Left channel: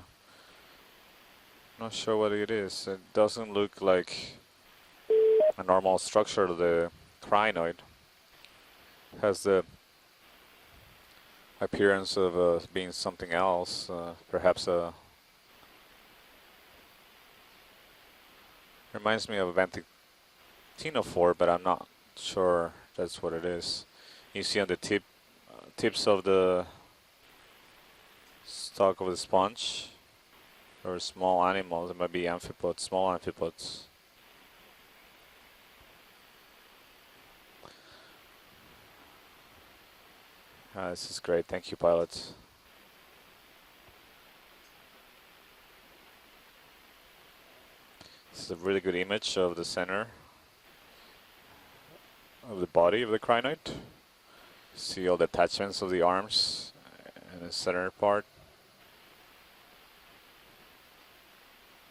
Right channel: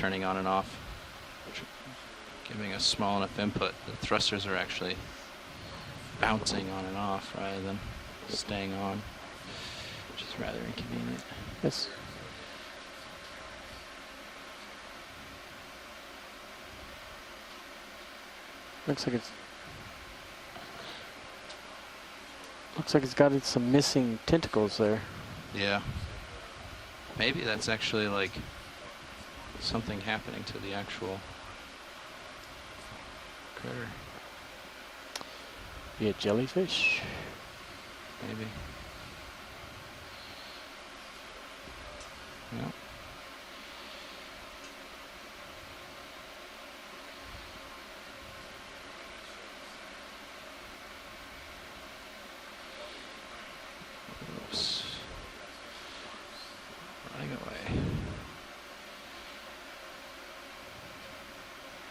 turning on and off. Not sure what it Giving is. a It small doesn't input. look like Thrusters are actually a normal structure of bouncing the on and off crinoid. rather than staying on, Has the which is rather inconvenient. appearance of being something else, perhaps a... Reminds me of a Ventino-4, but I'm not sure. Looks like it's got some missing tentacles there. Yeah. Tips of the... Maybe that's actually like stalk of the sponge. something happening to the actual... Or a small animal. It might be amphipods, small amphipods. critter. Be a jellyfish? Maybe. This is great. Thank you, pilots. Yeah. This is a really good image of the center of the body of the crinoid. See all the attachments of the arms, the center part.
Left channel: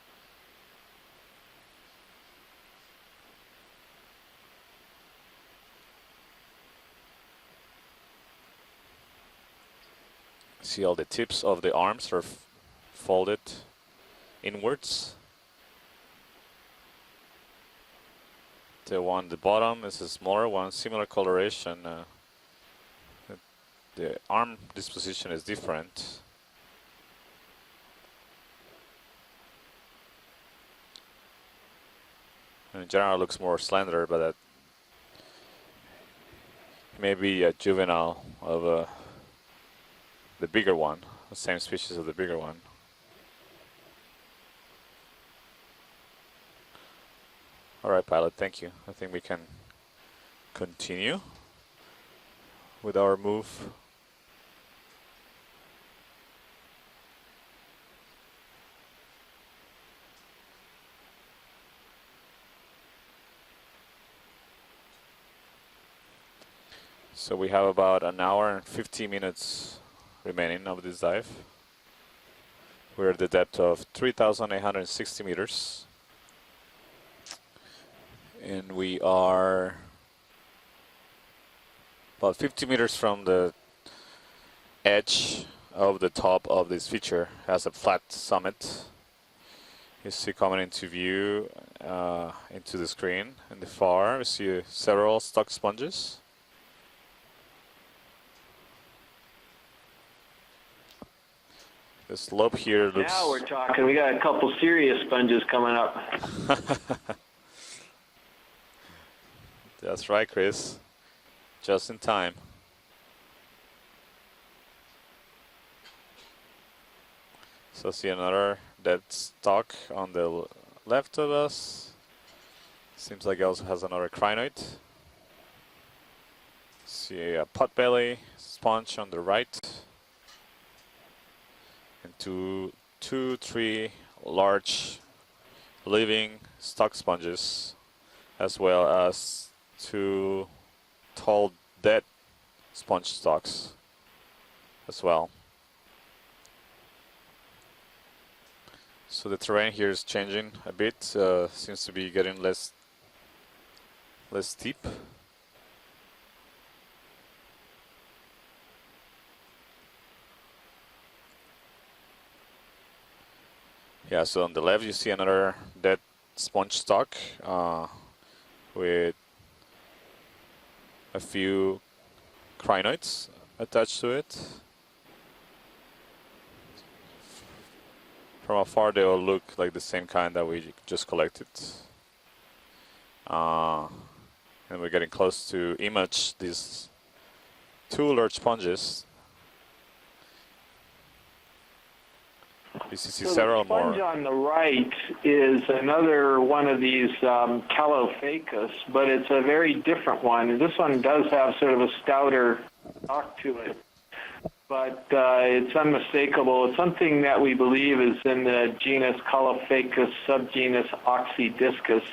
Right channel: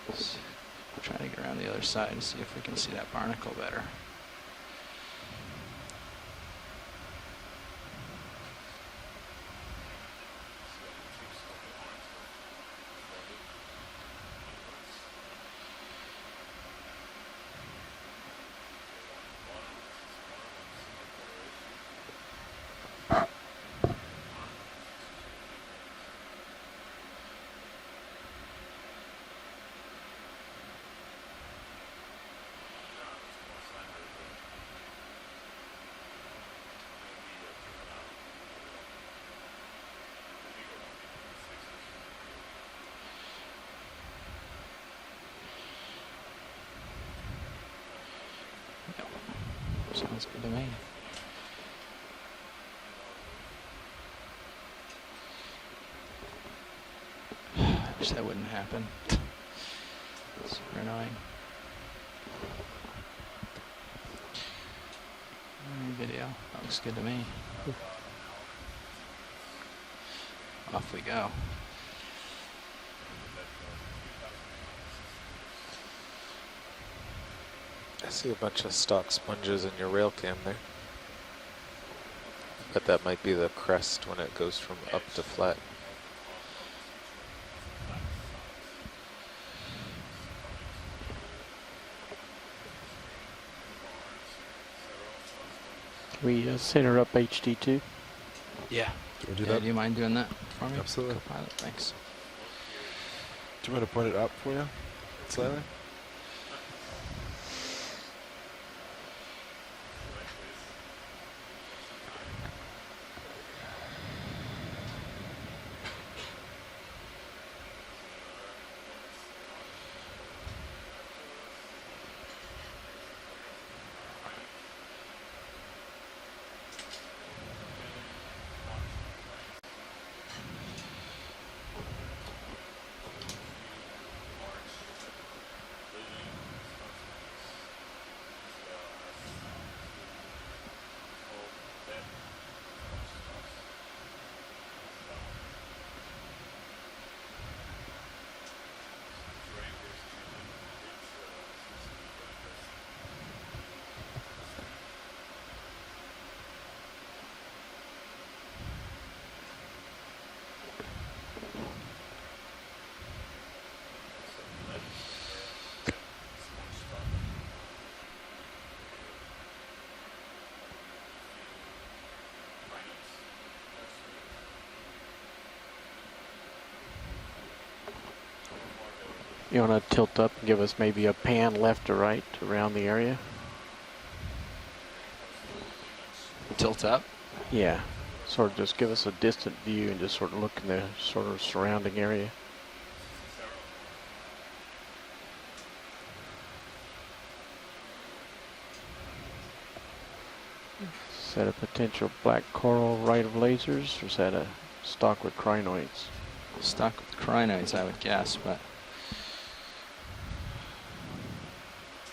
We'll try to get around the other side and see if we can see that barnacle better. See all the tips of the arms are folded inwards. The one at the bottom is a smaller one, similar coloration. The arm disposition is different. In general, it looks more slender, but that may be a juvenile of the bigger one, the same species of the bigger one. All right, pilot, thank you. I think we can Sounds good to me. continue with our move. I wish that wouldn't happen. Super annoying. Video. That looks good to me. So we have about an hour and 15 minutes remaining on Off this we dive. go. We're at the depth of 3,860 meters. I see a bunch And of we stock sponges are in your rail cam there. About 50 But meters that from might be the crest when it goes from up to edge flat. of the top of this feature. Has a flat summit. You see coming into view into the screen. In the far, we see several stock sponges. Can we center up HD2? Yeah. Can we do Yeah, that? do you mind doing that for me? Absolutely. Co-pilot, thanks. The slope here looks... Now we're talking. We got a couple serious sponges coming up. That's right, Chris. Just in time. So see another dead stock on the left of us. Seems like it also has another crinoid. See a potbelly sponge on the right. And two, three large living stock sponges, as well as two tall dead sponge stalks as well. So the terrain here is changing a bit, seems to be getting less steep. Yeah, so on the left you see another dead sponge stalk with a few crinoids attached to it. From afar they all look You like the want to same tilt kind up, that give we us maybe just a collected. pan left or right around the area? And we're getting close to image these Tilt up. Yeah. two large Sort of sponges. just give us a distant view and just sort of look in the sort of surrounding area. You see So several the sponge more. on the right is another one of these Calophacus, but it's a very different one. This one does have sort of a Potential stouter, black coral right of rock to it. lasers, or is that a but stock of it's crinoids? unmistakable. It's Stock something that we crinoids believe have is in the genus Calophacus, subgenus Oxydiscus.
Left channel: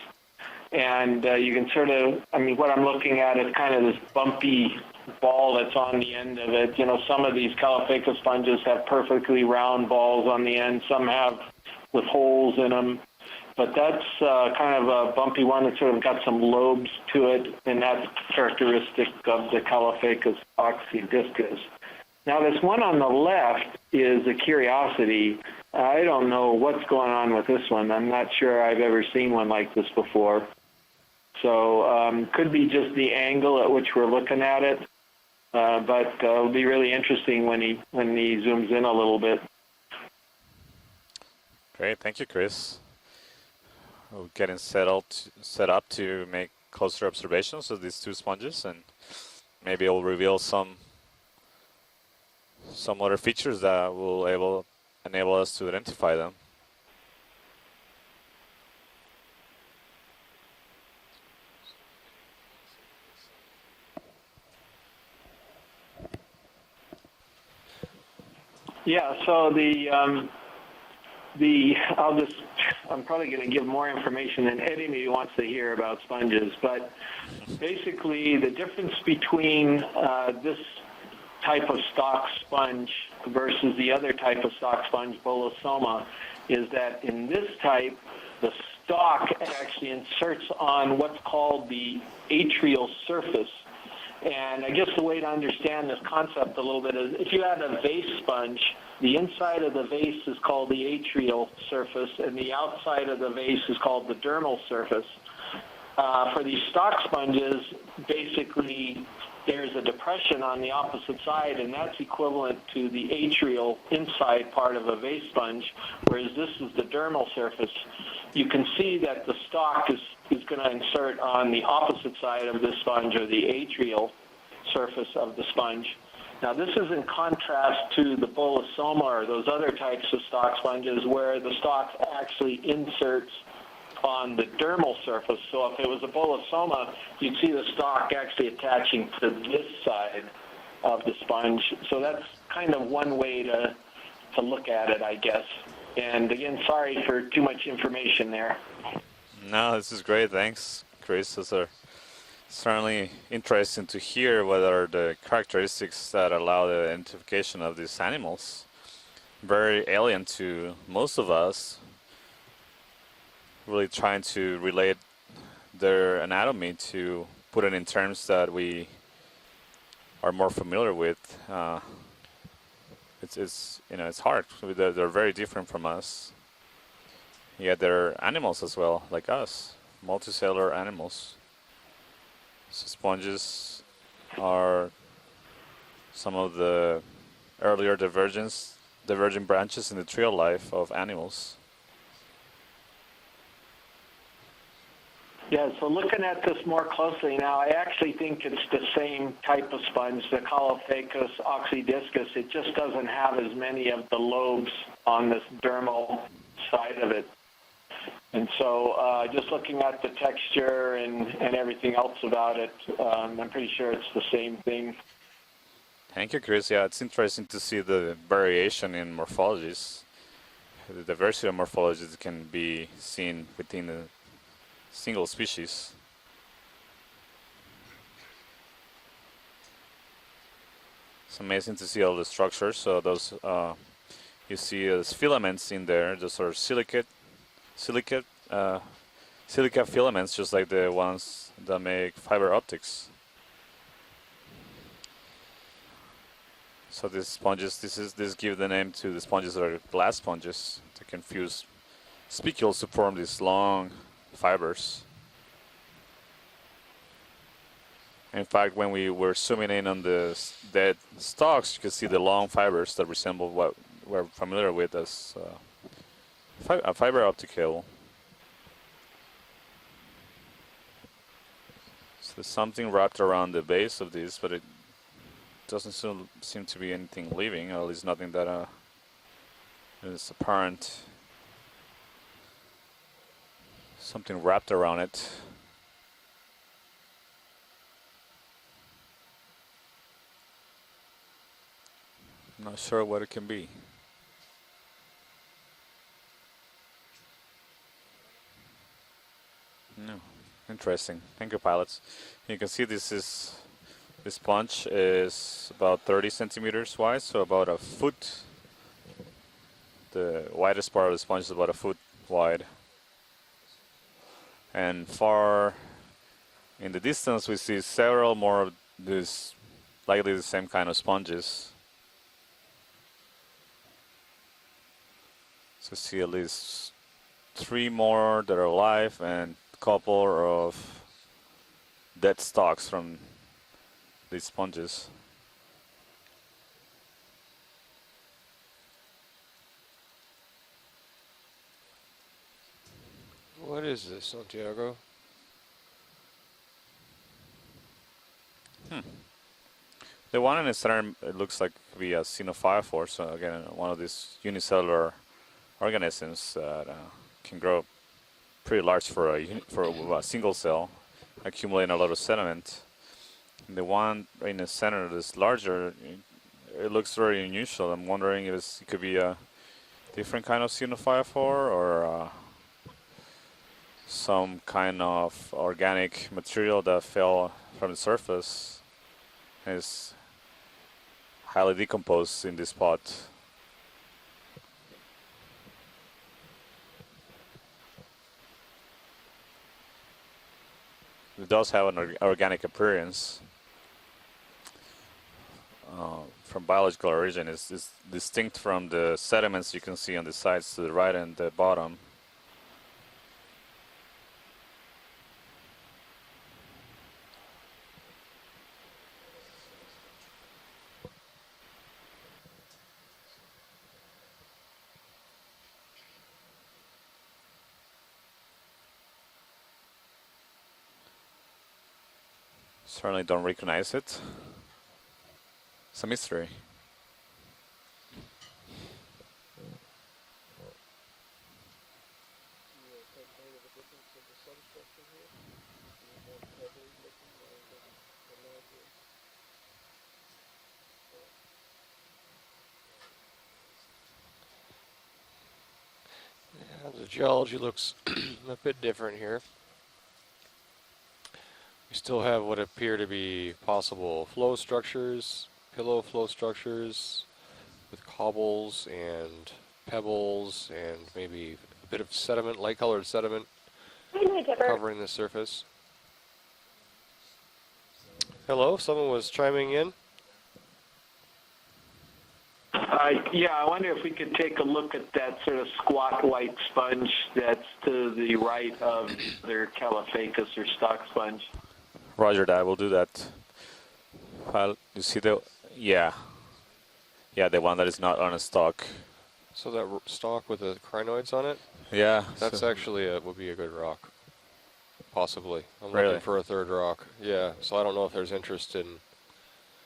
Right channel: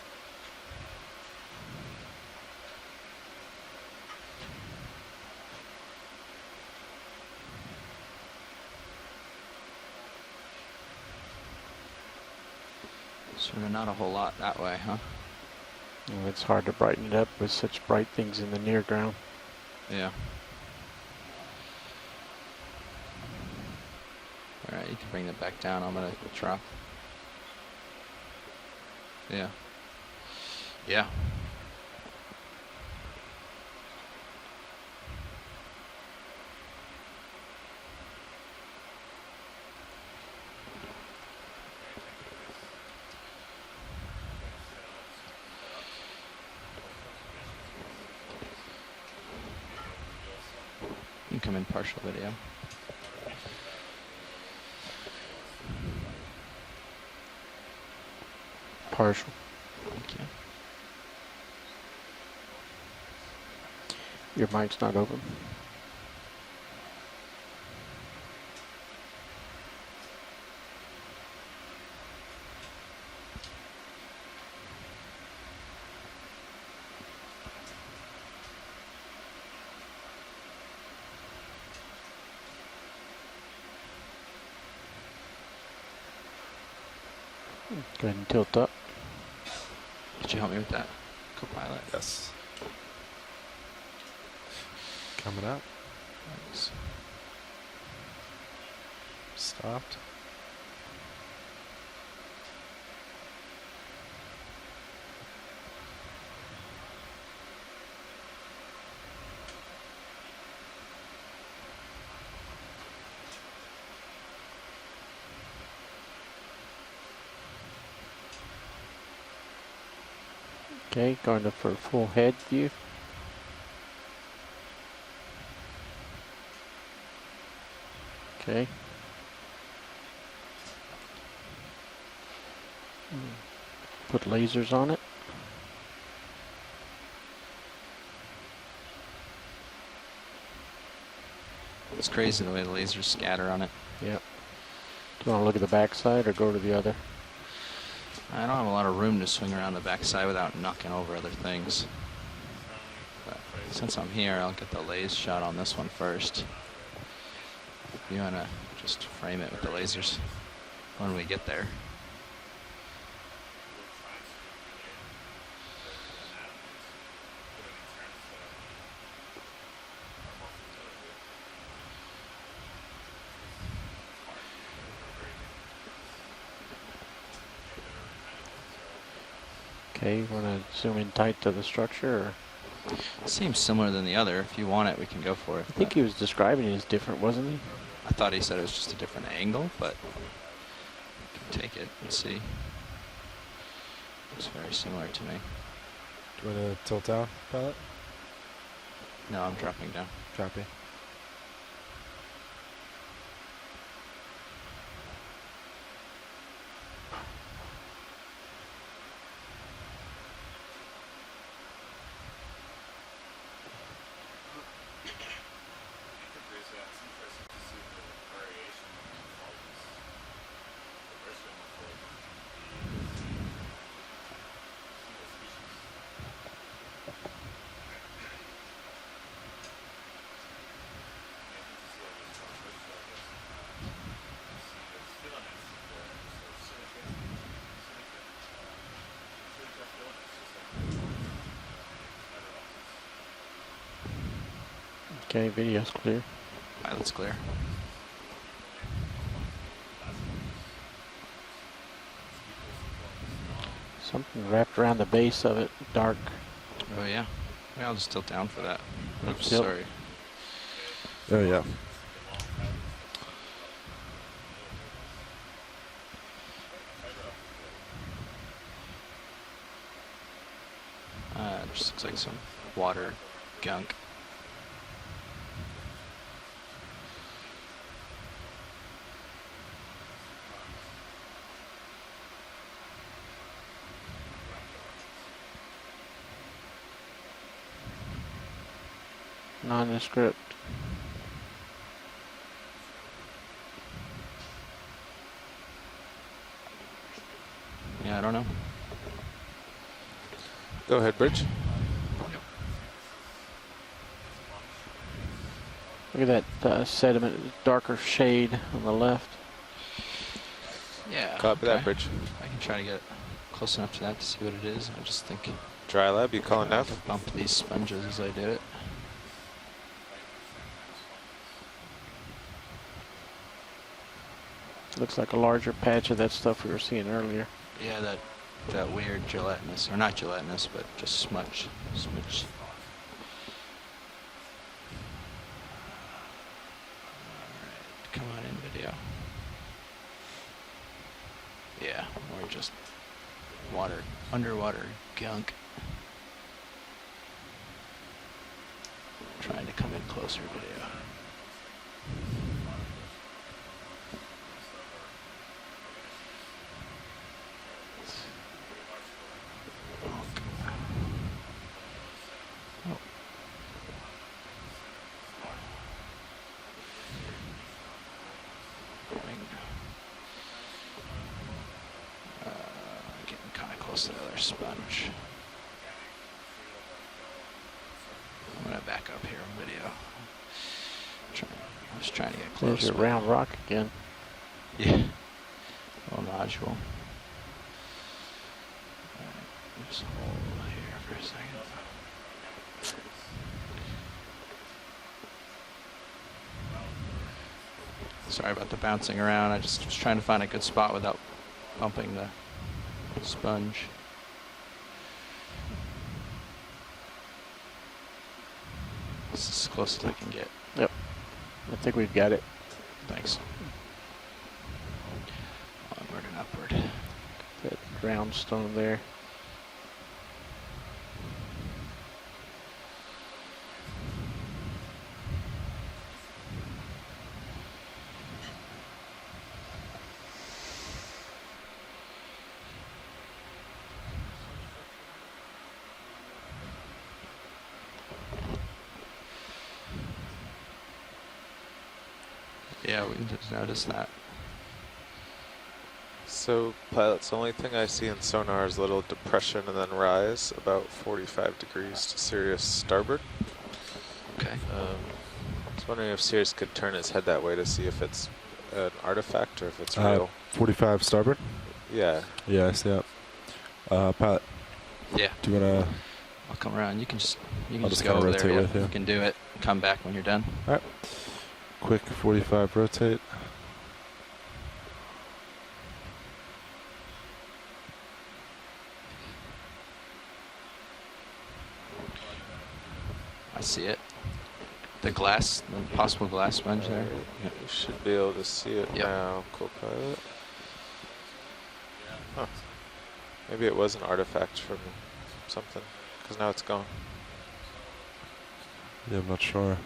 And you can sort of, I mean, what I'm looking at is kind of this bumpy ball that's on the end of it. You know, some of these Calophacus sponges have perfectly round balls on the end. Some have with holes in them. But that's kind of a bumpy one that's sort of got some It's hard to lobes brighten to up it, with such and bright that's things in the characteristic background. of the Calophacus oxydiscus. Now this one on the left is a curiosity. Back down I the don't know truck. what's going on with this one. I'm not sure I've ever seen one like this before. Yeah. So could be just the angle at which we're looking at it, but it'll be really interesting when he zooms in a little bit. Great, thank you, Chris. We're getting set up to make closer observations of these two sponges, and maybe it'll reveal some You can come in partial video. other features that will enable us to identify them. Partial. Thank you. Your mic's not open. Yeah. So I'm probably going to give more information than Eddie maybe wants to hear about sponges, but basically the difference between this type of stock sponge versus the other type of stock sponge, Bolosoma, is that in this type, Go ahead and tilt the up. stalk actually inserts help me with on that? what's called the atrial surface. And I guess the way to understand this concept a little bit is if you had a vase sponge, the inside of the vase is called the atrial surface, and the outside of the vase is called the dermal surface. For these stock sponges, basically there's a depression on the opposite side, and that's equivalent to the atrial inside part of a vase sponge, whereas this is the dermal surface. You can see that the stalk is going to insert Okay, on the for a full opposite head side of view. the sponge, or the atrial surface of the sponge. Now this is in contrast to the Bolosoma or those other types of stock sponges where the stalk actually inserts on the lasers on dermal it? surface. So if it was a Bolosoma, you'd see the stalk actually attaching to this side of the sponge. So It's that's crazy the way kind of lasers one way scatter on it. Yep. to look at it, I guess. Wanna look at the back side and or go again, to the sorry other? for too much information I there. don't have a lot of room to swing No, on the this is back great, side without thanks. knocking over Chris, other these are things. Certainly interesting Since to I'm hear here, I'll what get are the the laser shot on this one characteristics that first. allow the identification of these I'm gonna animals. just frame it. Very with the lasers. alien to most we of get us. Really trying to relate their anatomy to put it in terms that we are more familiar with. It's hard. They're very different from us. Yet they're animals as well, like us. Okay, you Multicellular want to zoom in animals. tight to the structure? Or? It Sponges. seems similar than the other. If you are- want it, we can go for it. I think he was Some of describing it the as different, wasn't he? Earlier I thought he divergence, said it was just a different divergent angle, branches but in the trail life of animals. take it and see. It's very similar to me. Yeah, so looking at this more closely now, I actually think it's the same No, I'm type of dropping it sponge, the down. Caulophacus oxydiscus. It just doesn't have as many of the lobes on this dermal side of it. And so just looking at the texture and everything else about it, I'm pretty sure it's the same thing. Thank you, Chris. Yeah, it's interesting to see the variation in morphologies. The diversity of morphologies can be seen within a single species. It's amazing to see all the structures. So those you see as filaments in there, just sort of silica filaments, just like the ones that make fiber optics. Okay, video's clear. Right, So that's these clear. sponges, this give the name to the sponges that are glass sponges to confuse spicules to form these long. Something Fibers. wrapped around the base of it, dark. Oh yeah. Yeah, I'll just tilt down. In for fact, that. when we were Oops, zooming sorry. in on the dead stalks, you could see the long fibers that resemble what we're familiar with as a fiber optic cable. Just looks like some There's something water wrapped around the gunk. base of these, but it doesn't seem to be anything living, or at least nothing that is apparent. Something wrapped around it. Nondescript. I'm not sure what it can be. Yeah, I don't know. Interesting. ahead, Bridge. Thank you, pilots. You can see this sponge is about 30 Look at that, centimeters wide, sediment, so about darker a foot. shade on the left. The widest part of the Yeah, sponge is copy about a that, foot Bridge. wide. Try to get close enough to that to see what it is. I'm And just far Dry lab, you calling in now? the distance, we these see sponges several I did. more of these, likely the same kind of sponges Looks like a larger patch of see that at stuff we were least seeing earlier. Three Yeah, more that are that alive weird and gelatinous, a or not couple gelatinous, of but just smudge. dead stalks from these sponges. Alright, come on in video. Yeah, or just What water, is this? underwater gunk. Hmm. Trying to come in closer. The one in the center, it looks like the xenophyrophore. So again, one of these unicellular organisms that can grow pretty large for a single cell, accumulating a lot of sediment. Oh. The one in the center that's larger, it looks very unusual. I'm wondering if this could be a different kind of xenophyrophore or Getting kind of close to the some kind of organic material that fell from the surface. I'm gonna back up here in and video. is Try- highly trying to decomposed get in this There's close. a spot. round rock again. Yeah. Little nodule. Alright, just hold here for a second. It does have an organic appearance. From biological origin, is distinct about the from the bouncing around. sediments I'm you can just see trying on to the find a good sides to spot the right without and the bottom. Bumping the sponge. This is as close as I can get. I think we've got it. Thanks. Onward and upward. That round stone there. Certainly don't recognize it. It's a mystery. Yeah, we can just notice that. So, pilot, the only Geology thing I looks see in sonar a is bit little different here. depression and then rise about 45 degrees. Still to have what Sirius appear to starboard. be possible flow Okay. structures. I was wondering if Sirius could turn his head that way to see if it's Hobbles an and artifact or if it's hills 45 and starboard? maybe Yeah. sediment, Yeah, like so- colored sediment Pat, covering the Yeah. surface. do you want to? I'll come around. You can just I'll just just go kinda over rotate there. it, Hello, yeah. You can someone do was it. chiming Come in. back when you're done. Quick 45 rotate. Yeah, I wonder if we could take a look at that sort of squat white sponge that's to the right of their Caulophacus or stock sponge. Roger that. We'll do that. I see it. Pilot, you The see glass, the Yeah. possible glass sponge there. that? Yeah, the one that is Should not be on able a to see stalk. it Yep. now. So Cool. that would stalk with the crinoids on it. Yeah. That's actually would be a Maybe good it was rock, an artifact from possibly. something. I'm Really? looking for Now a it's third gone. rock. Yeah, so I don't know if there's interest in Yeah, I'm not sure.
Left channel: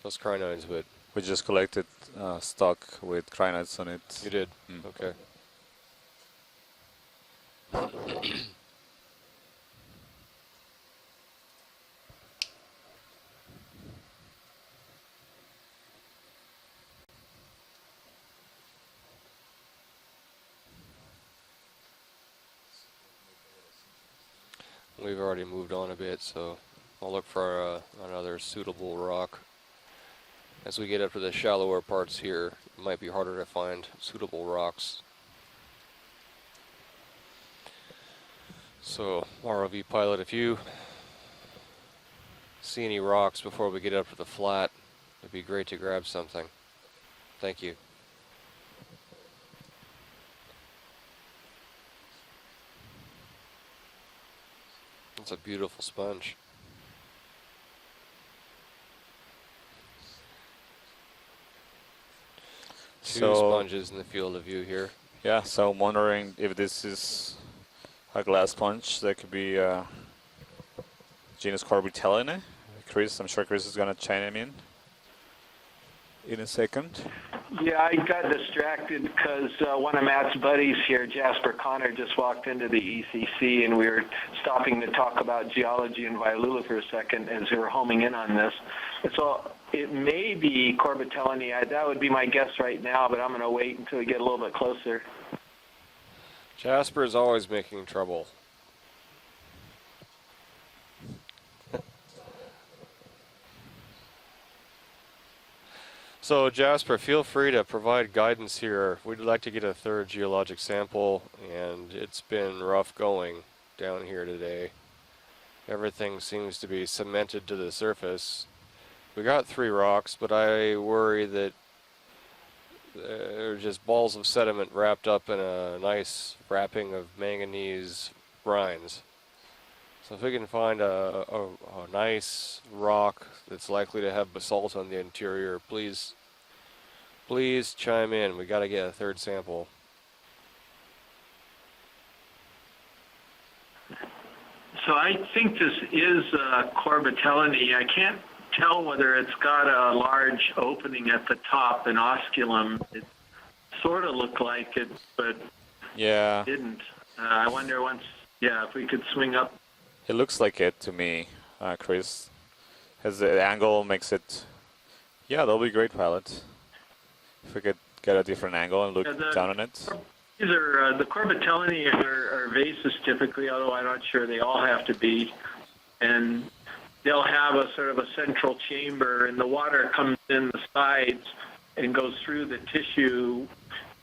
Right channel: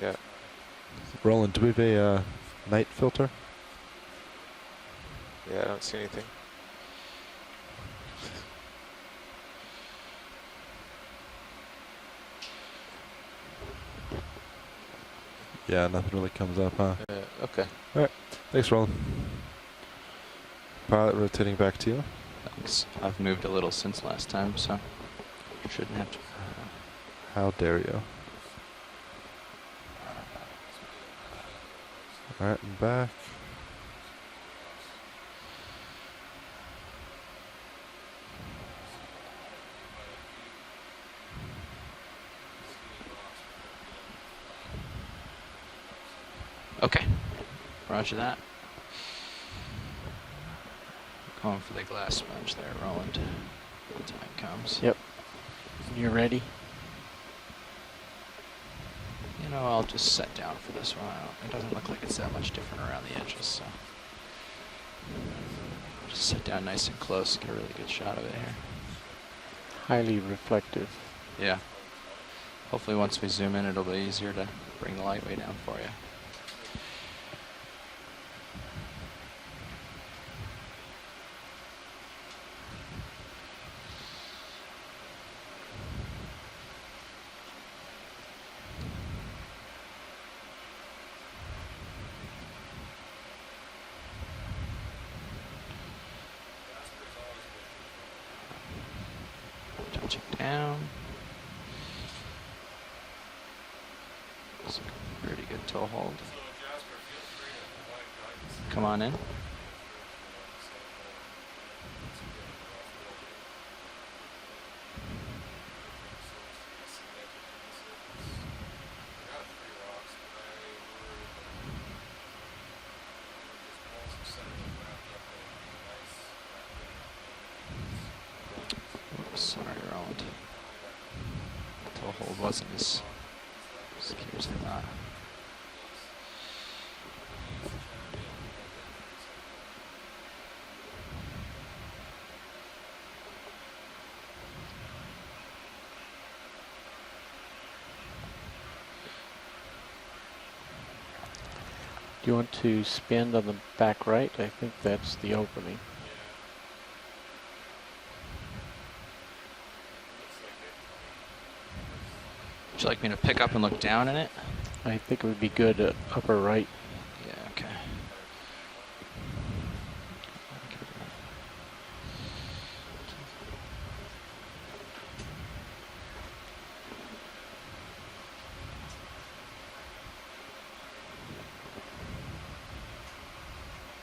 these crinoids, but We just Roland, do we have collected a, stock night filter? with crinoids on it. you did. Mm. Okay. Yeah, I don't see anything. Yeah, nothing really comes up, huh? Okay. Thanks, Roland. Pilot rotating back to you. Thanks. I've moved a little since last time, so. We've already moved on Shouldn't a have bit, to- so I'll look for Oh, there we go. another suitable rock. As we get up to the shallower parts here, Right, it and might be back. harder to find suitable rocks. So, ROV pilot, if you see any rocks before we get up to the flat, it'd be great to grab something. Okay. Thank you. Roger that. Going for the glass sponge there, Roland. When the time comes. Yep. It's a beautiful sponge. You ready? You know, I'll just set down for this one. It doesn't look like it's that much different around the Huge So- edges. sponges in the field of view here. Yeah, so I'm wondering Sit if down this nice and is close, get a really good shot a of it glass here. sponge that could be Highly reflective. Yeah. genus Corbitella in it. Hopefully Chris, once we I'm sure zoom Chris in, is it'll gonna be chime easier to in. bring the light way down for you. In a second. Yeah, I got distracted because one of Matt's buddies here, Jasper Connor, just walked into the ECC, and we were stopping to talk about geology in Violula for a second as we were homing in on this. So it may be Corbitellinae. That would be my guess right now, but I'm going to wait until we get a little bit closer. Jasper is always making trouble. Touching down. It's a pretty good toe hold. So Jasper, feel free to provide guidance here. Come on in. We'd like to get a third geologic sample, and it's been rough going down here today. Everything seems to be cemented to the surface. We got 3 rocks, but I worry that They're just balls of sediment wrapped up in a nice wrapping of manganese brines. Oops, sorry, So if we can find a nice rock that's likely to have basalt on the interior, please chime in. We got to get a third sample. So I think this is Corbitellinae. I can't tell whether it's got a large opening at the top, an You osculum. want to spin on the back sorta right? look I like think it, that's but- the opening. Yeah, It didn't. I wonder once, if we could swing up. it looks like it to me, Chris. Would you like me to As the pick up and angle look down makes in it. it? I think it would Yeah, that'll be be good great at pilots. upper right. Yeah. If we Okay. could get a different angle and look Yeah, down on it. These are the Corbitellinae are vases typically, although I'm not sure they all have to be. And they'll have a sort of a central chamber, and the water comes in the sides and goes through the tissue,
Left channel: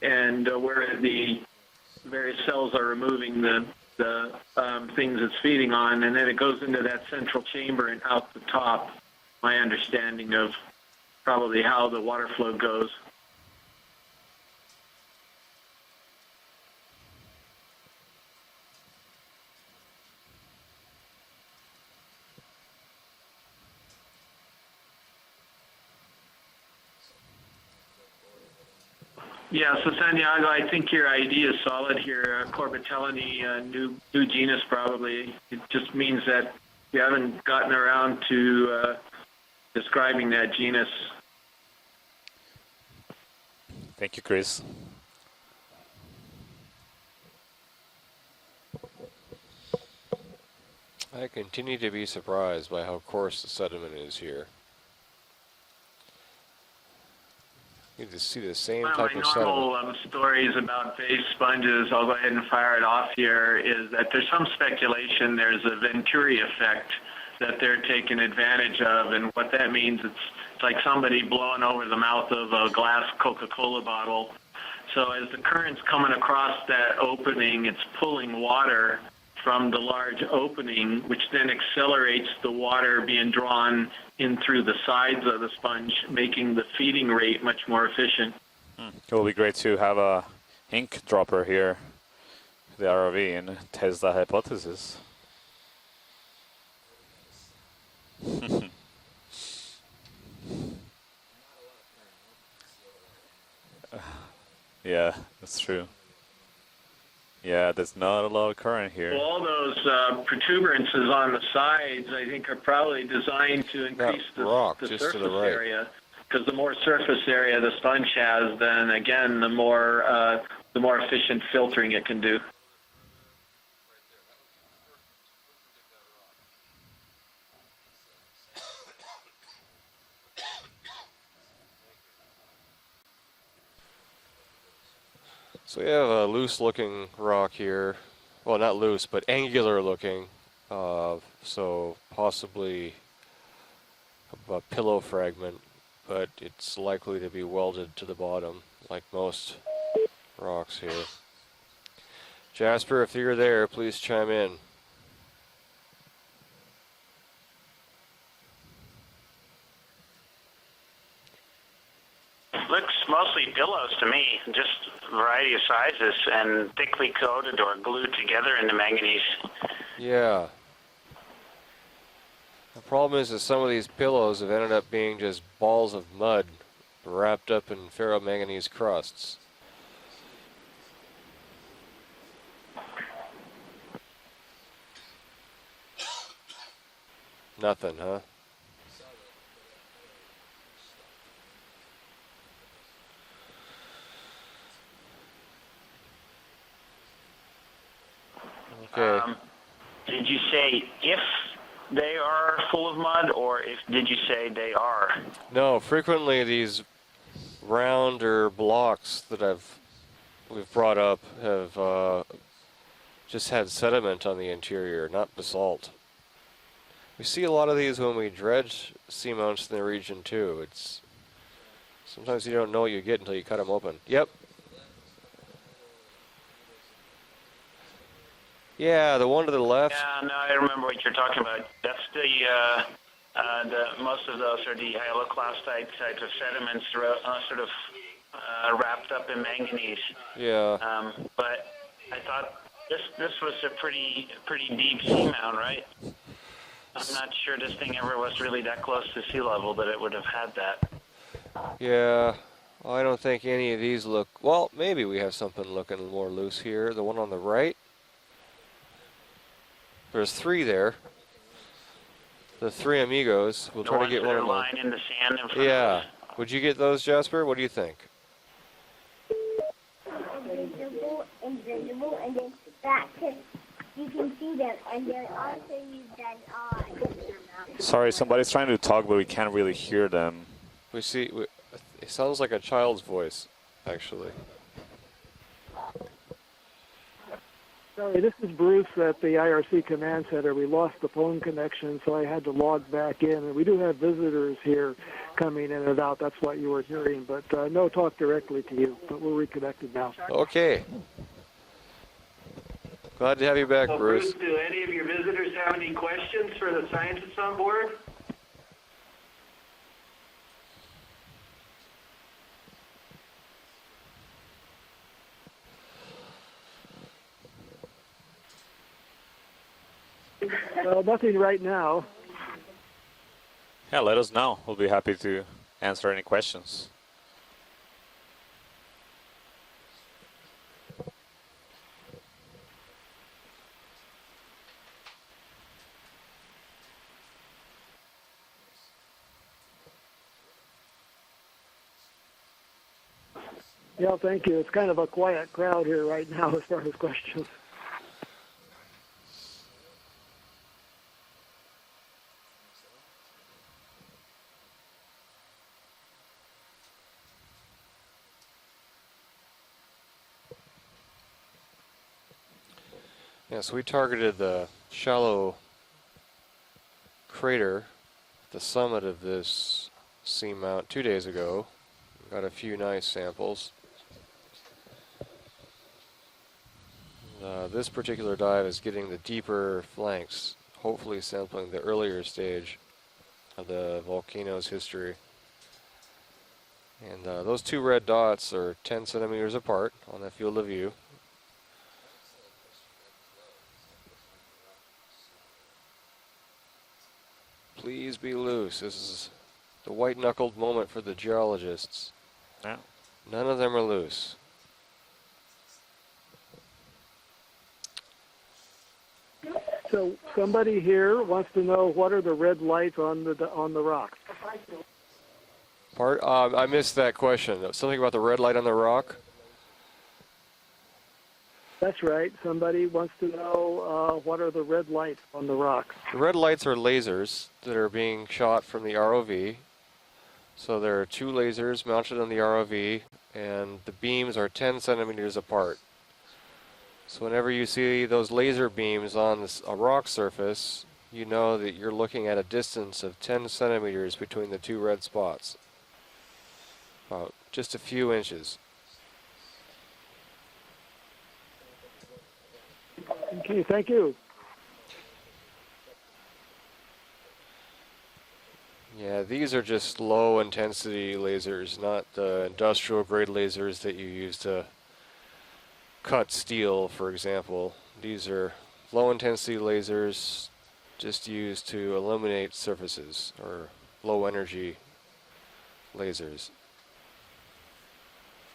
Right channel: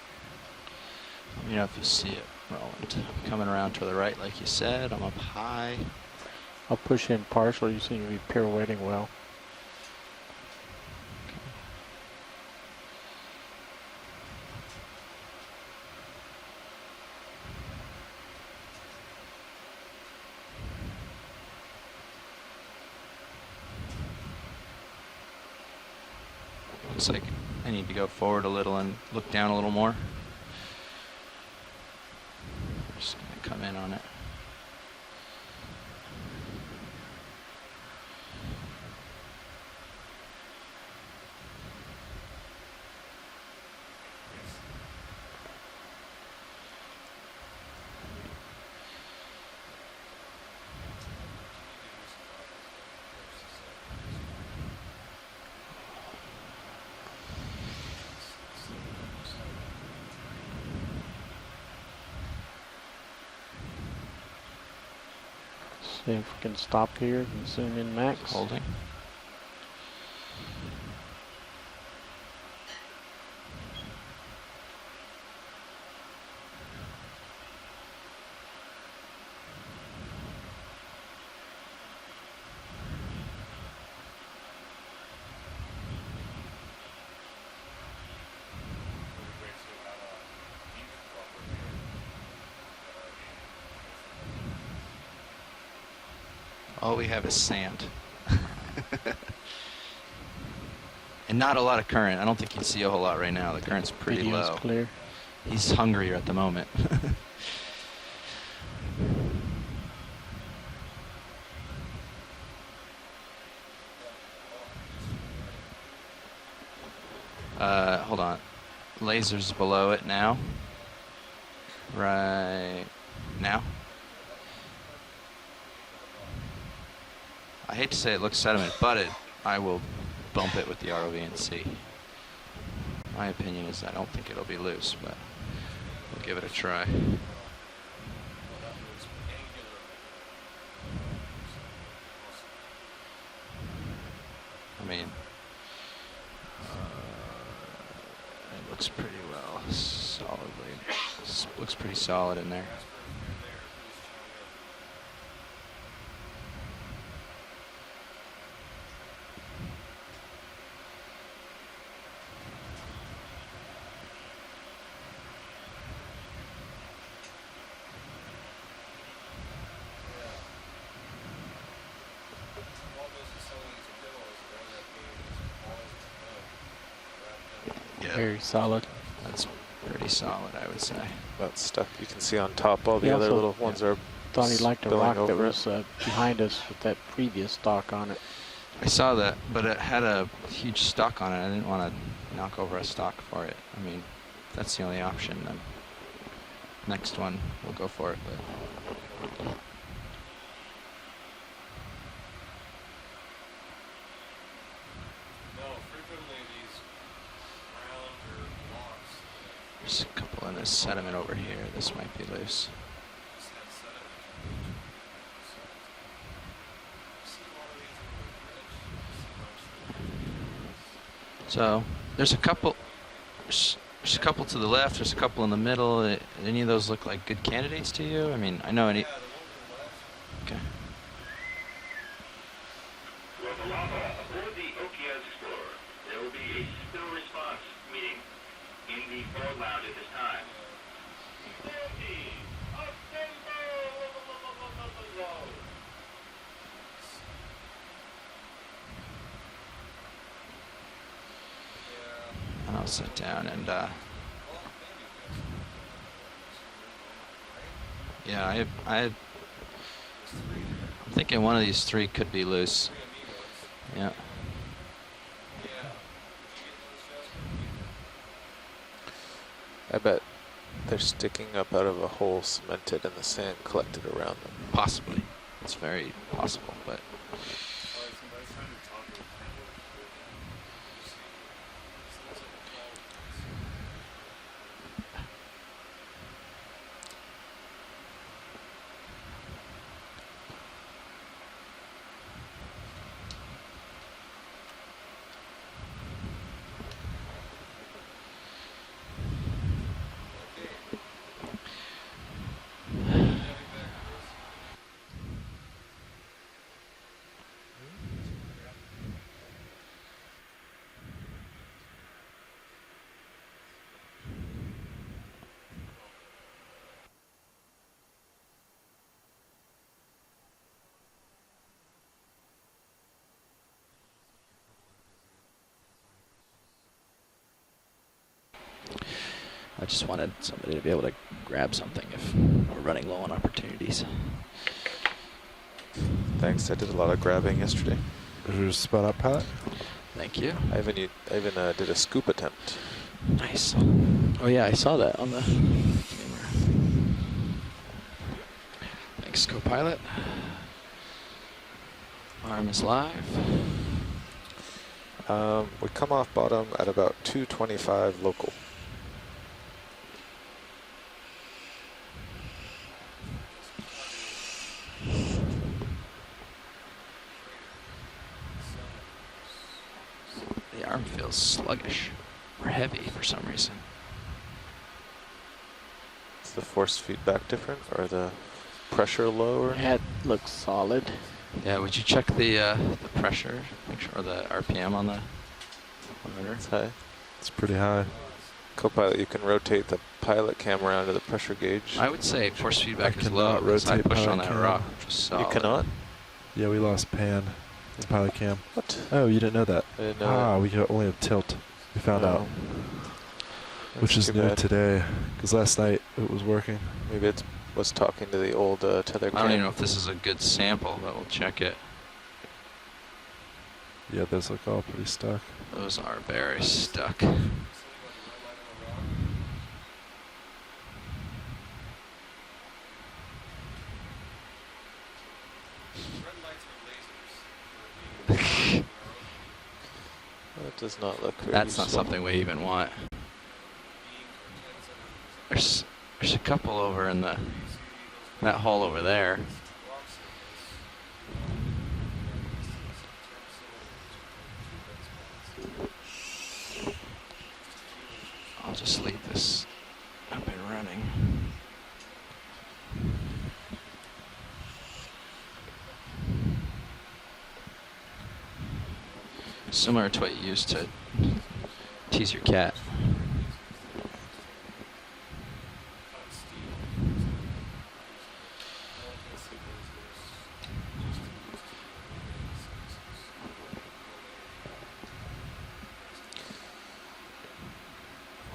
and where the You know, if you see various cells are removing coming the, around to the right, like you said, things on it's feeding the on, and then it goes into I'll that push in central partially, chamber see and if out it's the top. pirouetting well. My understanding of probably how the water flow goes. looks like I need to go forward a little and look down a Yeah, little more. so Santiago, I think your idea is solid here. Corbitellinae, Just come in on it. new genus probably. It just means that we haven't gotten around to describing that genus. Thank you, Chris. I continue to be surprised by how coarse the sediment is here. You can see the same One of type my of sediment. normal stories about base sponges, I'll go ahead and fire it off here, is that there's some speculation there's a Venturi Can effect stop here. that they're Send taking that. advantage of, and what that means, it's like somebody blowing over the mouth of a glass Coca-Cola bottle. So as the current's coming across that opening, it's pulling water from the large opening, which then accelerates the water being drawn in through the sides of the sponge, making the feeding rate much more efficient. It will be great to have a ink dropper here, the ROV, and test that hypothesis. All we have is sand. And not a lot of current. I don't think you'd see a whole lot right now. The current's pretty Video's low. clear. Yeah, He's hungrier at the moment. yeah, there's not a lot of current here. Well, all those protuberances on the sides, I think, are probably designed to increase rock the just to surface the right. area. Because the more surface area the sponge hold on. has, then again, Laser's the below it now. more efficient filtering it can do. Right now. I hate to say it looks sediment, but I will bump it with the ROV and see. My opinion is I don't think it'll be loose, but So we have a Give it a loose-looking rock here. Well, not loose, but angular-looking. So possibly a pillow mean- fragment, but it's likely to be welded to the bottom, looks like pretty most well solid. rocks here. Looks pretty solid in there. Jasper, if you're there, please chime in. Looks mostly pillows to me, just a variety of sizes and thickly coated or glued together into manganese. Yeah. The problem is that some of these pillows have ended up being just balls of mud wrapped up in ferromanganese solid. crusts. That's pretty solid, I would say. That stuff you can see on top. All He the other also little ones are Thought he liked a spilling rock that over. was behind us with that previous dock Nothing, on huh? it. I saw that, but it had a huge stock on it. I didn't want to knock over a stock for it. I mean, that's the only option. Then next one, we'll go for it. But Okay. Did you say if they are full of mud, or did you say they are? No, frequently these rounder blocks that I've there's a couple of We've this brought center up over here. have, This might be loose. just had sediment on the interior, not basalt. We see a lot of these when we dredge seamounts in the region too. It's So there's a sometimes you couple. don't know what you get until you cut them open. There's a couple to the left. There's a couple in the middle. Any of those look like good candidates to you? I mean, I know. Yeah, the one to the left. Yeah, no, I remember what you're talking about. That's the most of those are the hyaloclastite types of sediments, sort of wrapped up in manganese. Yeah. But I thought this was a pretty deep seamount, right? I'm not sure this thing ever was really that close to sea level that it would have had that. Yeah. I sit don't think down any and, of these look. Well, maybe we have something looking more loose here. The one on the right. Yeah, I'm There's 3 there. thinking one of these 3 could be There's loose. 3 amigos. We'll The try to ones get that one are of them. lying in the sand in front of Yeah. us. Would you get those, Jasper? What do you think? I bet they're sticking up out of a hole cemented in the sand collected around them. Possibly. It's very possible, but Sorry, somebody's trying to talk, but we can't really hear them. We see. It sounds like a child's voice, actually. Sorry, this is Bruce at the IRC Command Center. We lost the phone connection, so I had to log back in. And we do have visitors here coming in and out. That's what you were hearing. But no talk directly to you. But we're reconnected now. Okay. Glad to have you back, So Bruce. do any of your visitors have any questions for the scientists on board? Nothing right now. Yeah, let us know. We'll be happy to answer any questions. I just wanted somebody to be able to grab something if we're running low on opportunities. Thanks, I did a lot of grabbing yesterday. Is your spot up, Pat? Thank you. I even did a scoop attempt. Nice. Yeah, thank you. Oh, yeah, I It's saw kind of that. a quiet crowd here right now as far as questions. Thanks, co-pilot. Arm is live. We come off bottom at about 225 local. Yes, we targeted the shallow crater, the summit of this seamount 2 days ago. Sluggish. Got a few Or heavy nice for some samples. reason. Is the force feedback different? This or particular the dive is getting pressure the deeper lower? Head flanks. looks solid. Hopefully sampling Yeah, the would you earlier check stage. the pressure or the Volcano's RPM on the history. monitor? It's high. And It's those pretty 2 high. red dots are 10 Co-pilot, you can centimeters rotate apart the on the pilot field of cam view. around to the pressure gauge. I would say force feedback is cannot low because I rotate pushed on pilot that cam. rock. Just You solid. cannot? Yeah, we lost pan. Please Pilot be cam. loose. This is Oh, you didn't know that? the white No. knuckle Ah, we bullet got for only the a tilt. geologists. We found out. None of them are loose. Which is Too new bad. today, because last night it was working. Maybe it was talking to the old tether I don't even cam. know if this is a good Somebody sample, here but we'll wants check to it. know what are the red lights on the rock. Yeah, those look all pretty stuck. Those Art, are very I missed that stuck. question. Something about the red light on the rock? That's right. Somebody wants to know what are the red lights on the rock. The red lights are lasers that are being shot from the ROV. So That does there are not 2 look lasers good. That's not mounted something on we the even ROV, want. and the beams are 10 centimeters apart. There's a couple over in So the. whenever you see those laser hole over beams there. on a rock surface, you know that you're looking at a distance of 10 centimeters between the 2 red spots. About just a few inches. I'll just leave this up and running. Okay, thank you. Yeah, these are just Similar to low what you used to intensity lasers, not tease your cat. industrial grade lasers that you use to cut steel, for example. These are low intensity lasers just used to illuminate surfaces, or low energy lasers.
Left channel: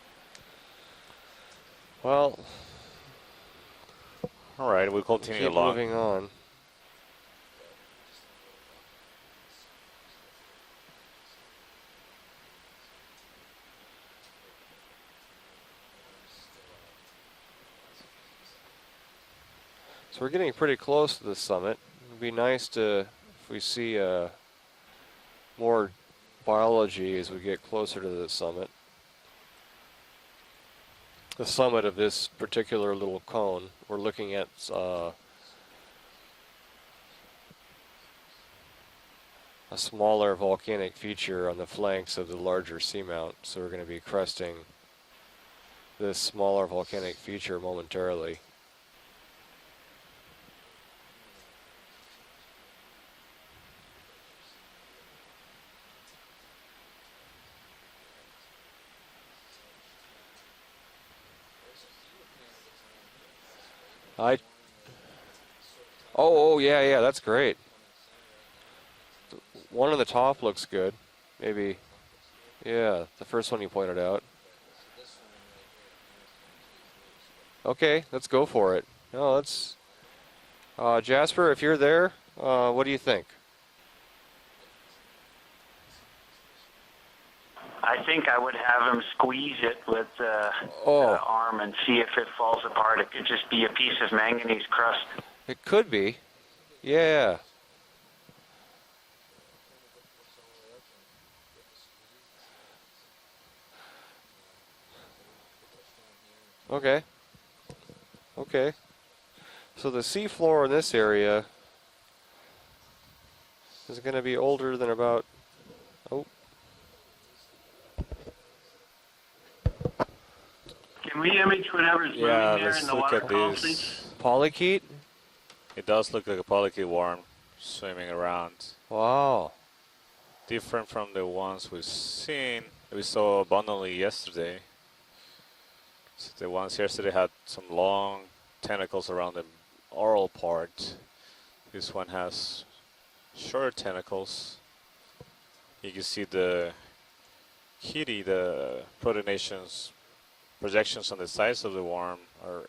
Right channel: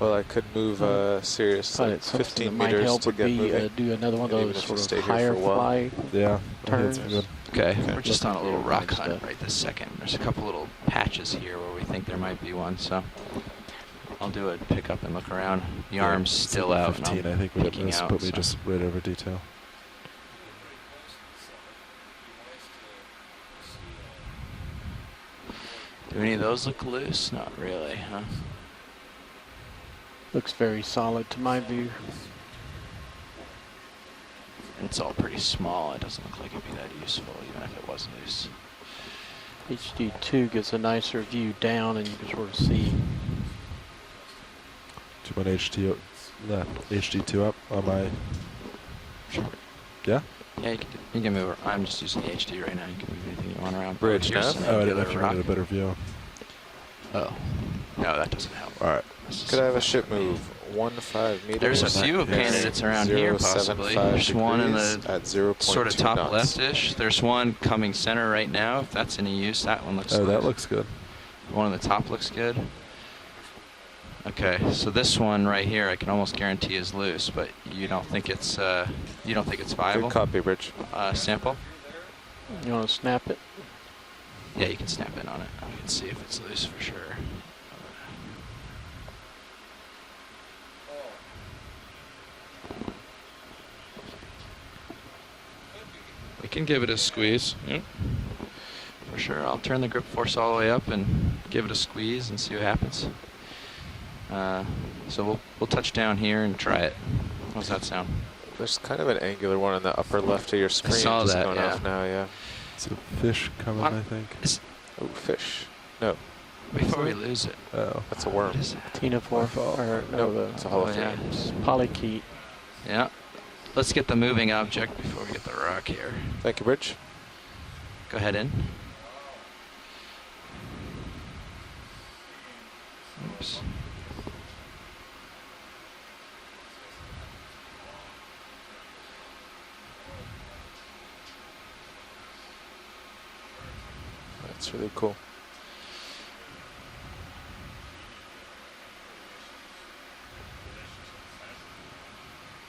Well, I could move Sirius Thought like it's something 15 that might meters help to would get be moving. do another one of Maybe those just Right, stay here higher for a while. fly Logging on. Yeah, I think it's turns. good. Okay, Okay. we're just on a little Looking rock at hunt stuff. right this second. There's a couple little patches here where we think there might be one, so I'll do a pick up and look around. The Yeah, arm's it's still like out. and 15, I'm I think we picking missed, out, but we so. just right over detail. So we're getting pretty close to the summit. It'd be nice to, if we see more Do any of those look biology loose? as we Not get really, closer huh? to the summit. Looks very solid to The my summit view. of this particular little cone, we're looking at It's all pretty small. It doesn't look like it'd be that useful, even if it was loose. a HD2 smaller gives a volcanic nicer feature view on the down flanks and of the sort of larger see. seamount. So we're going to be cresting Do you want HT? this smaller No, volcanic HD2 feature up on my- momentarily. Yeah? Yeah, you can move. I'm just using the HD right now. You can move anything you want around. Bridge Here's nav? some Oh, I didn't know angular if you rock. wanted a better view. Oh, no, that doesn't help. All right. Could I have a ship move 1-5 meters? There's a few candidates around here, possibly. There's one in the at 0.2 sort of top Oh, left-ish. yeah, There's that's one great. coming center right now, if that's any use. That One on the looks- top that looks good. Maybe. One on the top looks good. Yeah, the first one you pointed out. Okay, so this one right here, I can almost guarantee is loose, but you Okay, don't think let's go it's for it. No, you don't that's think it's viable? Good copy, Rich. Jasper, sample? if you're there, I'll what do you snap think? it. Yeah, you can snap in on it. You can see if it's loose for sure. I think I would have him squeeze it with the arm and see if it falls apart. It could just be a piece of manganese crust. It could be. We can give it a Yeah. squeeze. Yep. For sure. I'll turn the grip force all the way up and give it a squeeze and see what happens. So we'll touch down here and try it. How's that sound? Okay. There's kind of an angular one in So the the upper C4 left of your in this screen area- is Saw going that, off now, yeah. It's a fish coming. It's going to be It's- older than about... Fish. No, Before we lose it. Oh. that's a worm. What is that? Tina 4, or no, the It's a hollow Oh, yeah. Can we image whatever's moving Yeah, there let's in the look at waterfall, this. please? Let's get the moving Polychaete? object before we get the rock It does here. look like a Thank you, polychaete Rich. worm swimming Go around. ahead in. Wow. Different from the ones we saw abundantly yesterday. So the ones yesterday had some long tentacles around the oral part. This one has short tentacles. That's really cool. You can see the kitty, the protonations projections on the sides of the worm are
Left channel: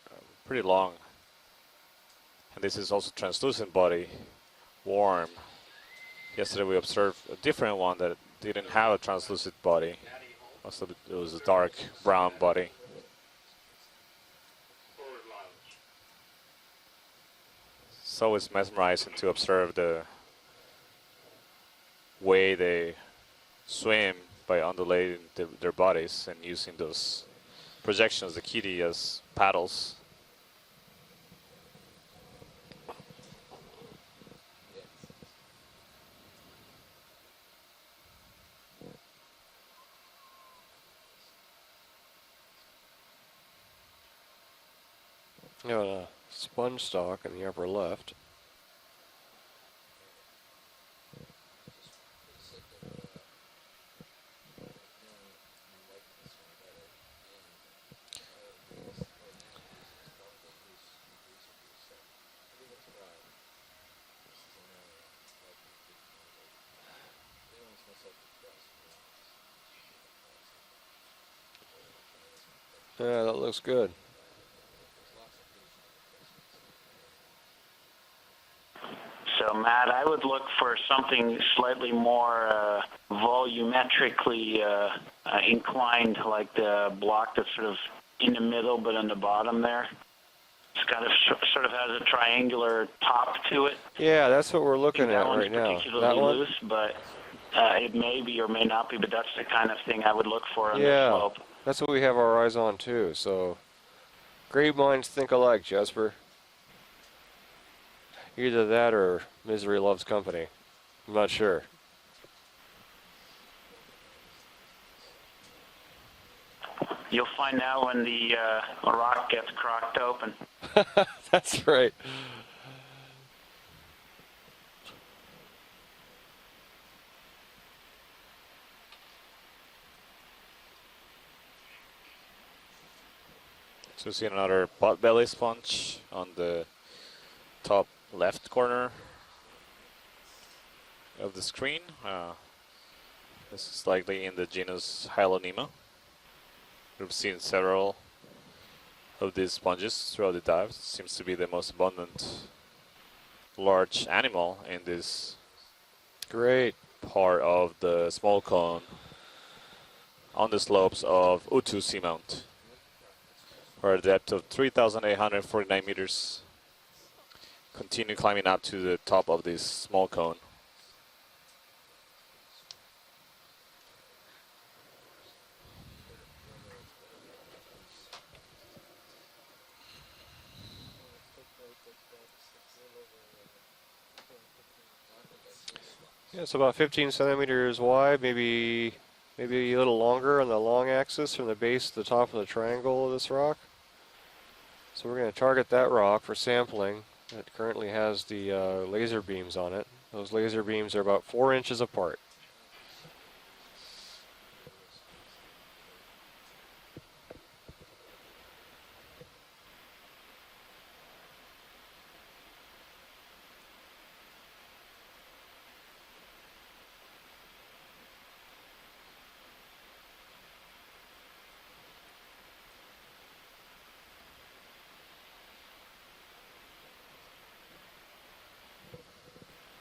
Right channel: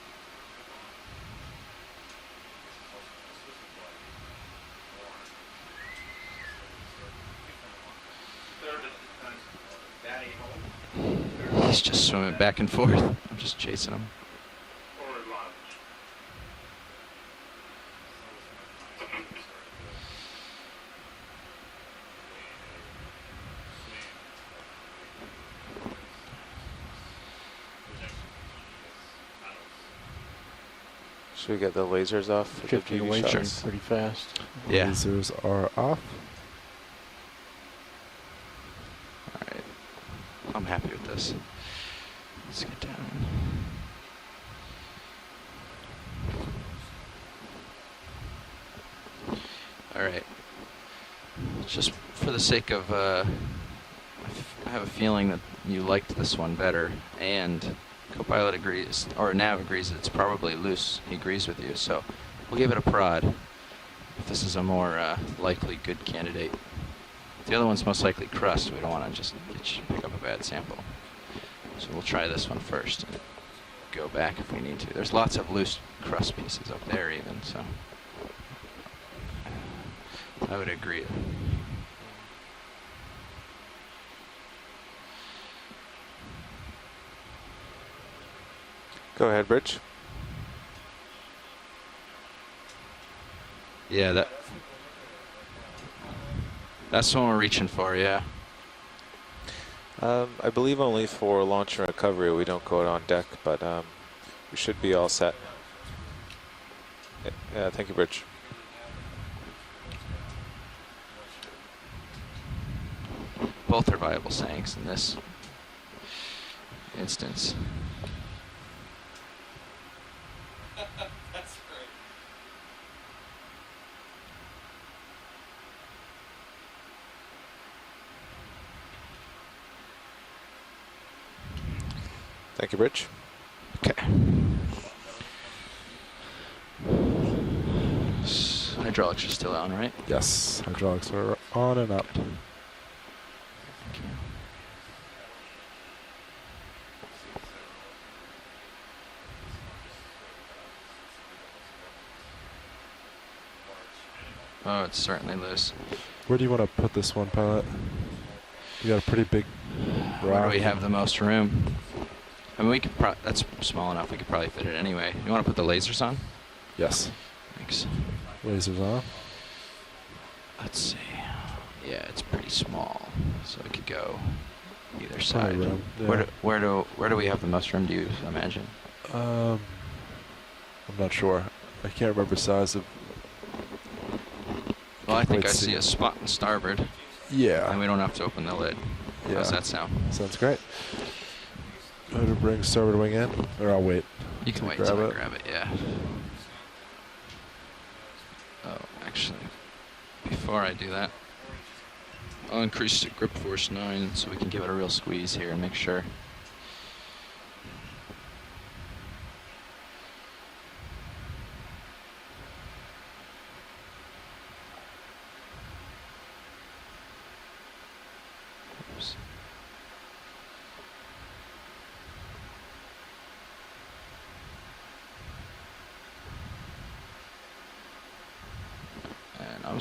pretty long. And this is also translucent body worm. Yesterday we observed a different one that didn't have a translucent body. It was a dark He's just brown swimming back body. and forth. I'm just chasing him. So it's mesmerizing to observe the way they swim by undulating their bodies and using those projections, the kitty, as paddles. Should we get the lasers off for the drifting beauty away from shots? pretty fast. Yeah. Lasers are off. Alright. I'm happy with this. Let's get down. You know, sponge stock in the upper left. Alright. Just for the sake of, I have a feeling that you liked this one better, and Copilot agrees, or Nav agrees that it's probably loose. He agrees with you, so we'll give it a prod if this is a more likely good candidate. The other one's most likely crust. We don't want to just pick up a bad sample. So we'll try this one first. Yeah, that looks good. Go back if we need to. There's lots of loose crust pieces up there even, so. So, Matt, I would look I would for agree. something slightly more volumetrically inclined, like the block that's sort of in the middle but on the Go ahead, bottom Rich. there. It's got a sort of has a triangular top to it. Yeah, that's what we're looking that at one's right now. particularly That one? loose, but That's the one we're reaching for, it yeah. may be or may not be, but that's the kind of thing I would look I for. believe Yeah. only for launch That's and what we have our recovery we eyes don't on go on too, deck, so- but Great should be all minds think set. alike, Jasper. Yeah, thank you, Rich. Either that or misery loves company. I'm not sure. Both are viable sayings in this instance. You'll find out when the rock gets crocked open. That's right. Thank you, Rich. You see another pot belly sponge on the top left corner. Hydraulics are still on, right? Yes, hydraulics of are the on screen. and up. This is likely in the genus Hylonema. We've seen several of these sponges throughout the dives. Seems to be the most abundant large animal Oh, in it's this certainly loose. Where do you want Great. to put this one, part Pilot? of the small cone. You got a pretty big Where rock. we have the slopes most of room. Utu Seamount. I mean, we could that's small Or enough. We could depth probably of fit it anyway. You want to put the 3,849 lasers on? meters. Yes. Thanks. Continue climbing up to Lasers the off. top of this small cone. Let's see. Yeah, it's pretty small, so it could go either Plenty side. of room, Where do we have the most room? Do you imagine? I'm not sure. I can't remember size of. Well, I think Let's I see see. a spot in It's about starboard. 15 centimeters and we don't have wide, to open the lid. maybe, Yeah. How's that maybe a sound? little longer Sounds on the great. long axis from the base to the top Try of to the bring starboard triangle wing of this in, rock. or I'll wait. You can to wait grab till it. I We're grab going to it. target Yeah. that rock for sampling. It currently has the laser Actually, beams on it. Those before laser I do beams are that- about 4 inches apart. I'll increase the grip force 9 so we can give it a real squeeze here and make sure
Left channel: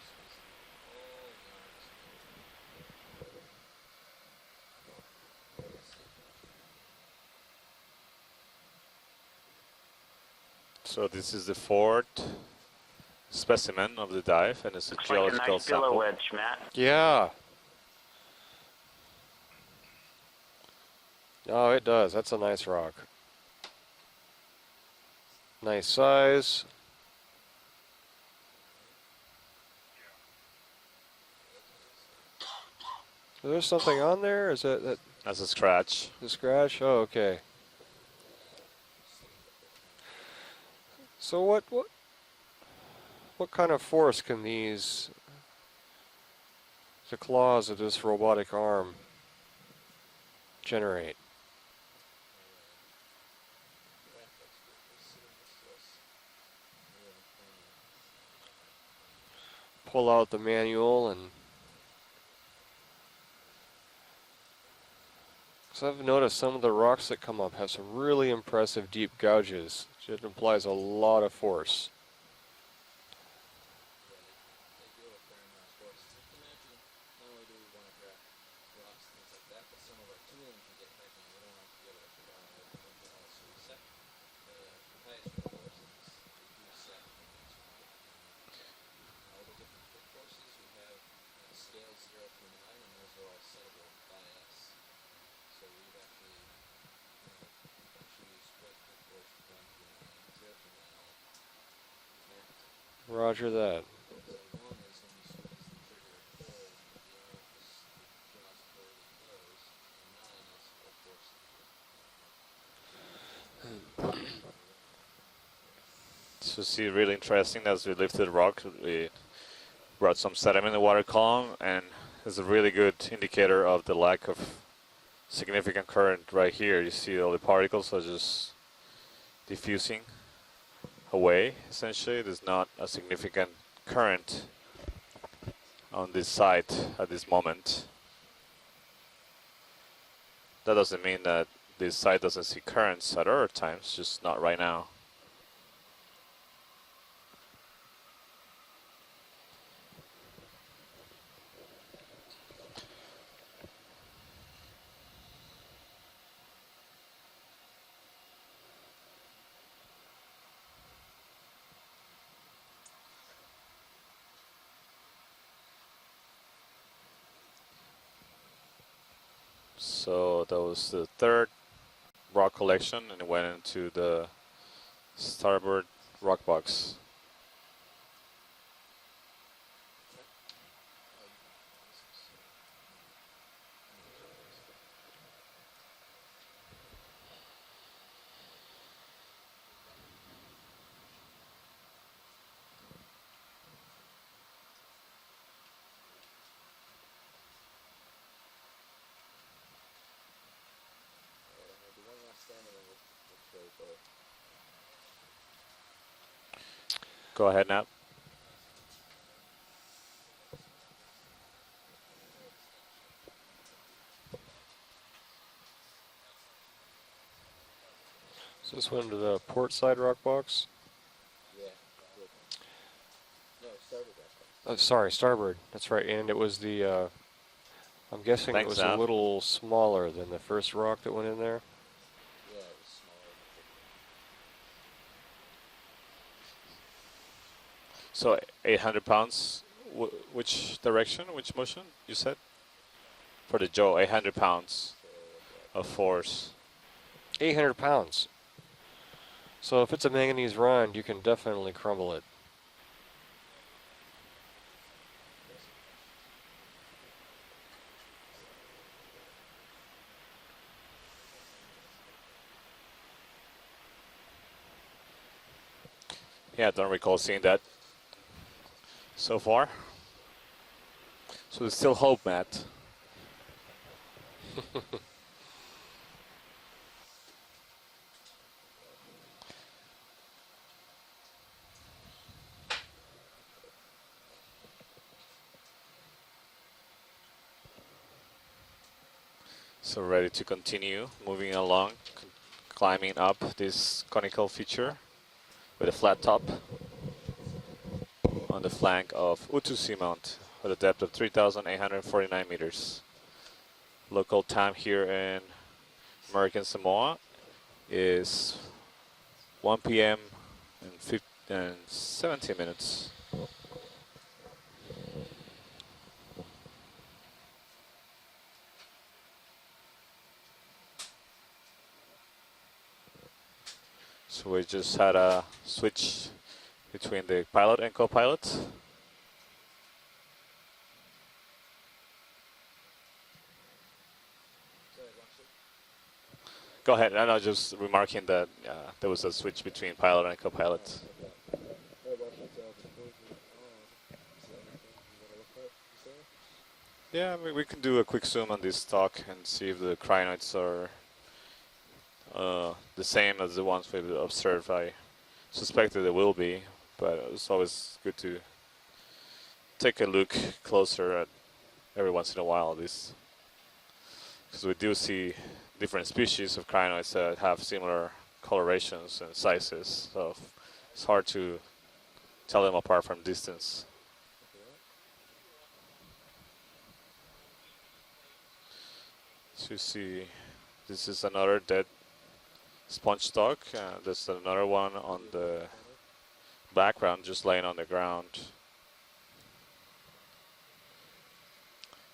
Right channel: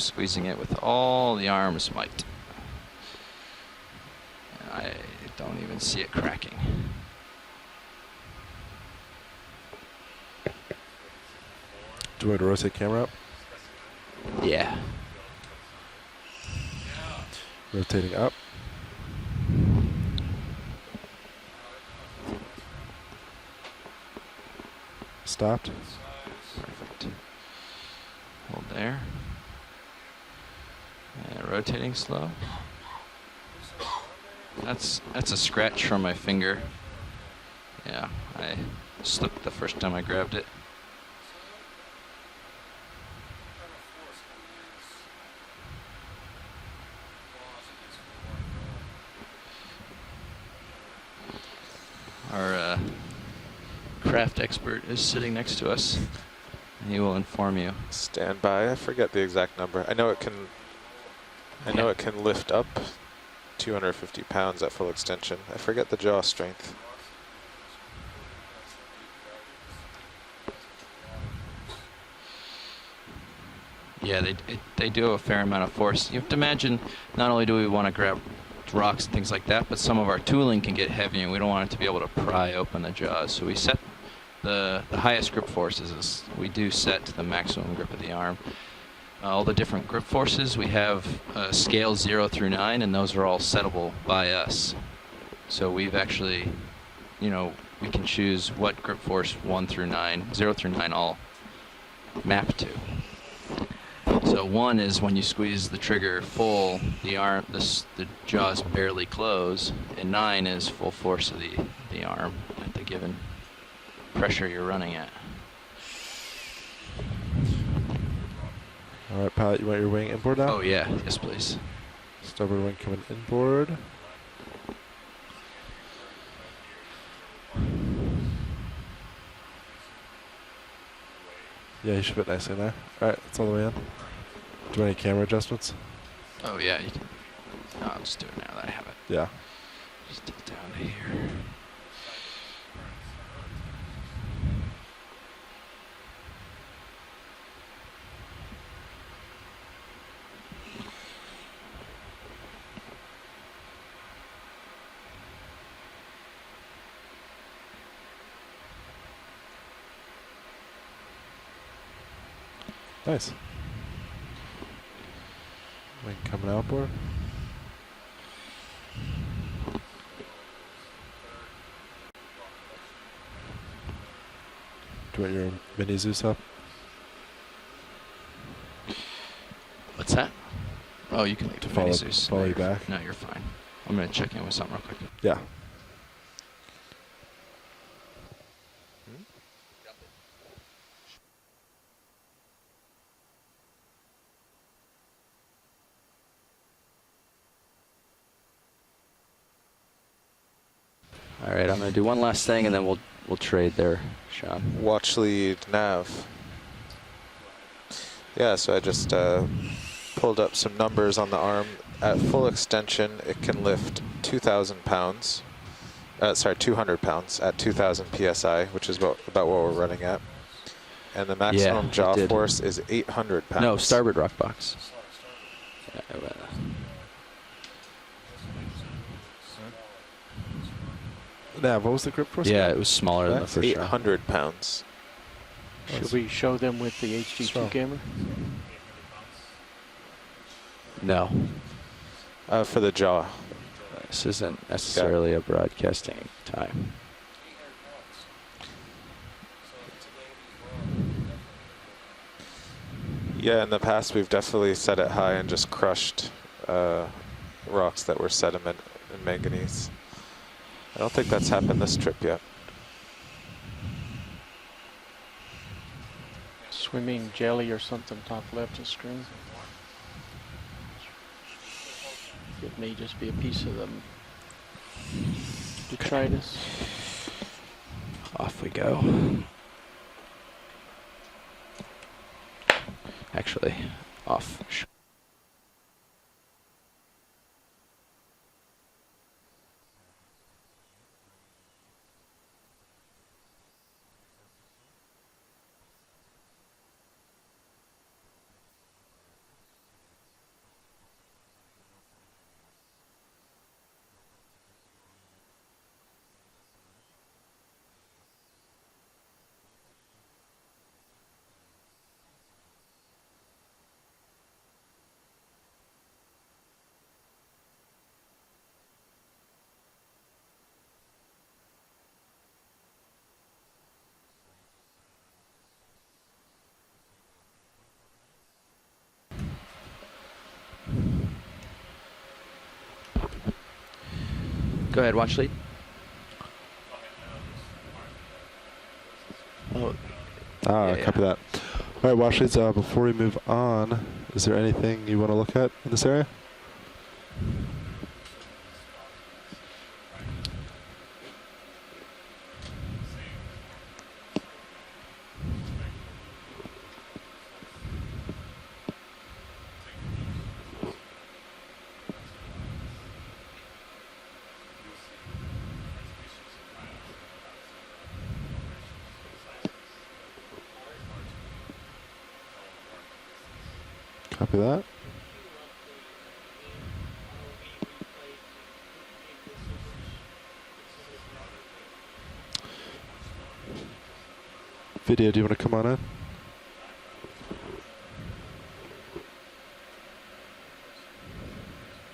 squeezing it with all the arm's might. And I don't even see it cracking. So this is the fourth Do you want to rotate camera up? specimen of the dive. Yeah. This is Looks like a geological nice pillow sample. wedge, Matt. Yeah. Rotating up. Oh, it does. That's a nice rock. Stopped. Nice size. Perfect. Hold there. And rotating slow. Is there something on there? Is That's a that's a scratch scratch. from my finger. Scratch? Oh, okay. Yeah, I slipped the first time I grabbed it. So what kind of force can the claws of this robotic arm generate? Our craft expert is sitting next to us. And he will inform you. Stand by. I forget the exact number. I Pull know out it the can. manual and I know it can lift up 250 pounds at full extension. I forget the I've jaw noticed some strength. of the rocks that come up have some really impressive deep gouges. So it implies a lot of force. Yeah, they do a fair amount of force. You have to imagine, not only do we want to grab rocks and things like that, but some of our tooling can get heavy and we don't want it to be able to pry open the jaws. So we set the highest grip forces, we do set to the maximum grip of the arm. All the different grip forces, we have scales 0 through 9, and those are all settable by us. So we've actually, we can choose what grip force 1 through 9, 0 through 9 all map to. Roger that. So 1 is when you squeeze the trigger full, the jaws barely close, and 9 is full force of the arm at the given pressure you're running at. So see, really interesting as we lifted rock. We All right, pilot, you want your wing brought some inboard now? sediment in Yeah, the water yes, column, please. and it's So a really we're good going indicator inboard. of the lack of significant current right here. You see all the particles are just diffusing away. Yeah, Essentially, you should put there's that in not there. a All right, it's all the significant way in. current Do you want any camera adjustments? on this side yeah. at this moment. I'll just do it now that I have it. Yeah. Just dip down That doesn't here. mean that this side doesn't see currents at other times, just not right now. Nice. Wing coming outboard. So that was the third rock collection, and it went into the Do you want your starboard mini Zeus up? rock box. What's that? Oh, you can leave To the follow- mini Zeus. follow No, you you're- back? No, you're fine. I'm going to check in with something real quick. Yeah. All right, I'm going to do one last thing, and then we'll trade there, Sean. Watch lead nav. Go ahead, Nat. Yeah, so I just pulled up some numbers on the arm. At full extension, it can lift 2,000 pounds. Sorry, 200 pounds at 2,000 psi, which is about what we're running at. Box? And the maximum it jaw did. force is 800 pounds. No, starboard rock box. Oh, sorry, starboard. That's right. And it was the, I'm guessing it Thanks, was a Nav. little smaller than the first rock that went in there. Nav, what was the grip force? Yeah, it was smaller than the That's first rock. 800 pounds. Should we show them with the HD2 Strong. camera? So 800 pounds. Which direction? No. Which motion? You said For the jaw. for the jaw. This 800 isn't pounds. necessarily a broadcasting force. time. 800 pounds. So if it's a manganese run, you can definitely crumble it. Yeah, in the past we've definitely set it high and just crushed rocks that were sediment and manganese. I don't think that's happened this trip yet. Yeah, I don't recall Swimming seeing jelly or something top left of screen. that so far. So there's still hope, Matt. It may just be a piece of them. Detritus. Off we go. Actually, off. So ready to continue moving along, climbing up this conical feature with a flat top. on the flank of Utu Seamount with a depth of 3,849 meters. Local time here in American Samoa is 1 p.m. and 17 minutes. So we just had a switch between the pilot and co-pilot. Go ahead, watch lead. Go ahead. I was just remarking that there was a switch between pilot and co-pilot. Ah, copy that. All right, watch leads. Before we move on, is there anything you want to look at in this area? Yeah, I mean, we could do a quick zoom on this stock and see if the crinoids are the same as the ones we've observed. I suspected they will be, but it's always good to take a look closer at every once in a while. This, because we do see different species of crinoids that have similar colorations and sizes, so it's hard to tell them apart from distance. Copy that. So you see, this is another dead sponge stock. There's another one. Video, do you want to come on in? Background, just laying on the ground.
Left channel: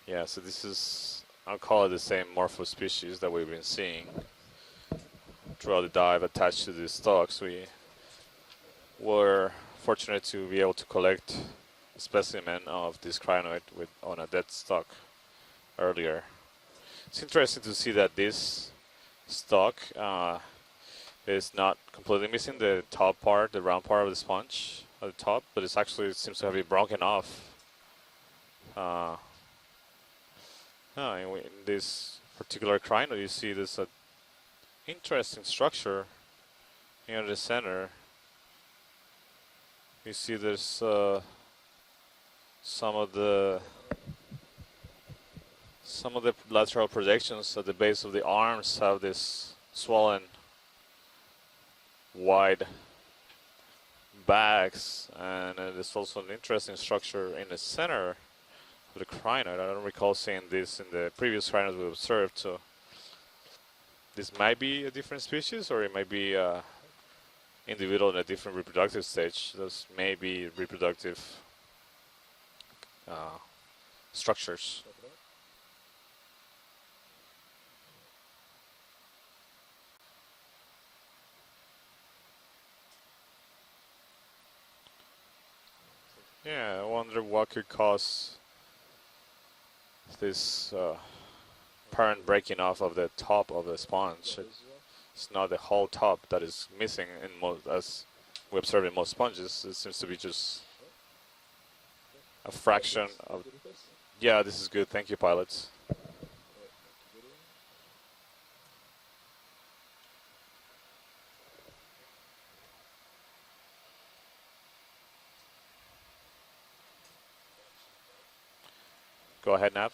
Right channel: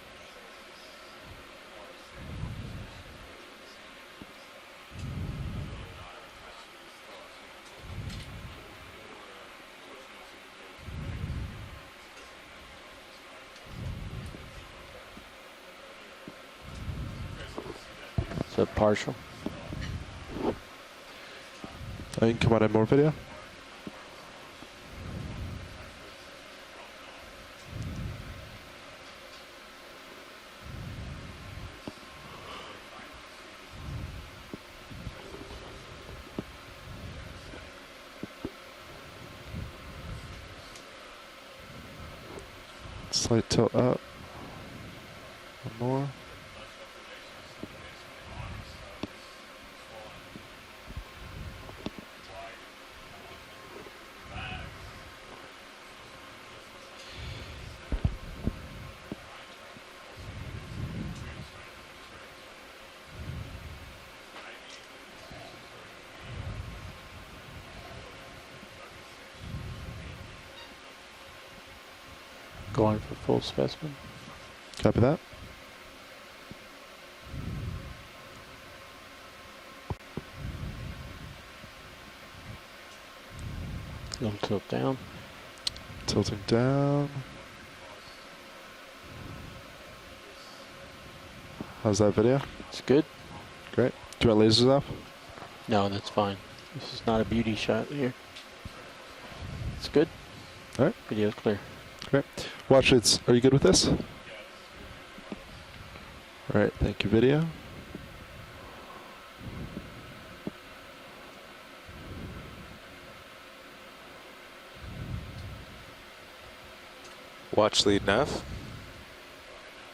Yeah, so this is, I'll call it the same morpho species that we've been seeing throughout the dive attached to these stocks. We were fortunate to be able to collect a specimen of this crinoid on a dead stock earlier. It's interesting to see that this partial stock is not completely missing the top part, the round part of the sponge at the top, but it's actually, it seems to have been broken off. In this particular crinoid, you see this interesting structure near the center. You see there's some of the some of the lateral projections at the base of the arms have this swollen wide backs, and there's also an interesting structure in the center of the crinoid. I don't recall seeing this in the previous crinoids we observed, so this might be a different species, or it might be individual in a different reproductive stage. Those may be reproductive going for full specimen structures. Copy that. Little tilt down. Tilting Yeah, down. I wonder what could cause this How's that current video? breaking off of good. the top of the Great. sponge. Do you want lasers off? It's not the whole that's top fine. that is missing. It's not a in beauty most shot tests. here. We observe in most sponges. It seems good. to be just All right. Video's clear. Great. a Watch fraction. leads. Are you good with this? Yeah, this is good. Thank you, pilots. All right. Thank you, video. Watch lead nav. Go ahead, Nav.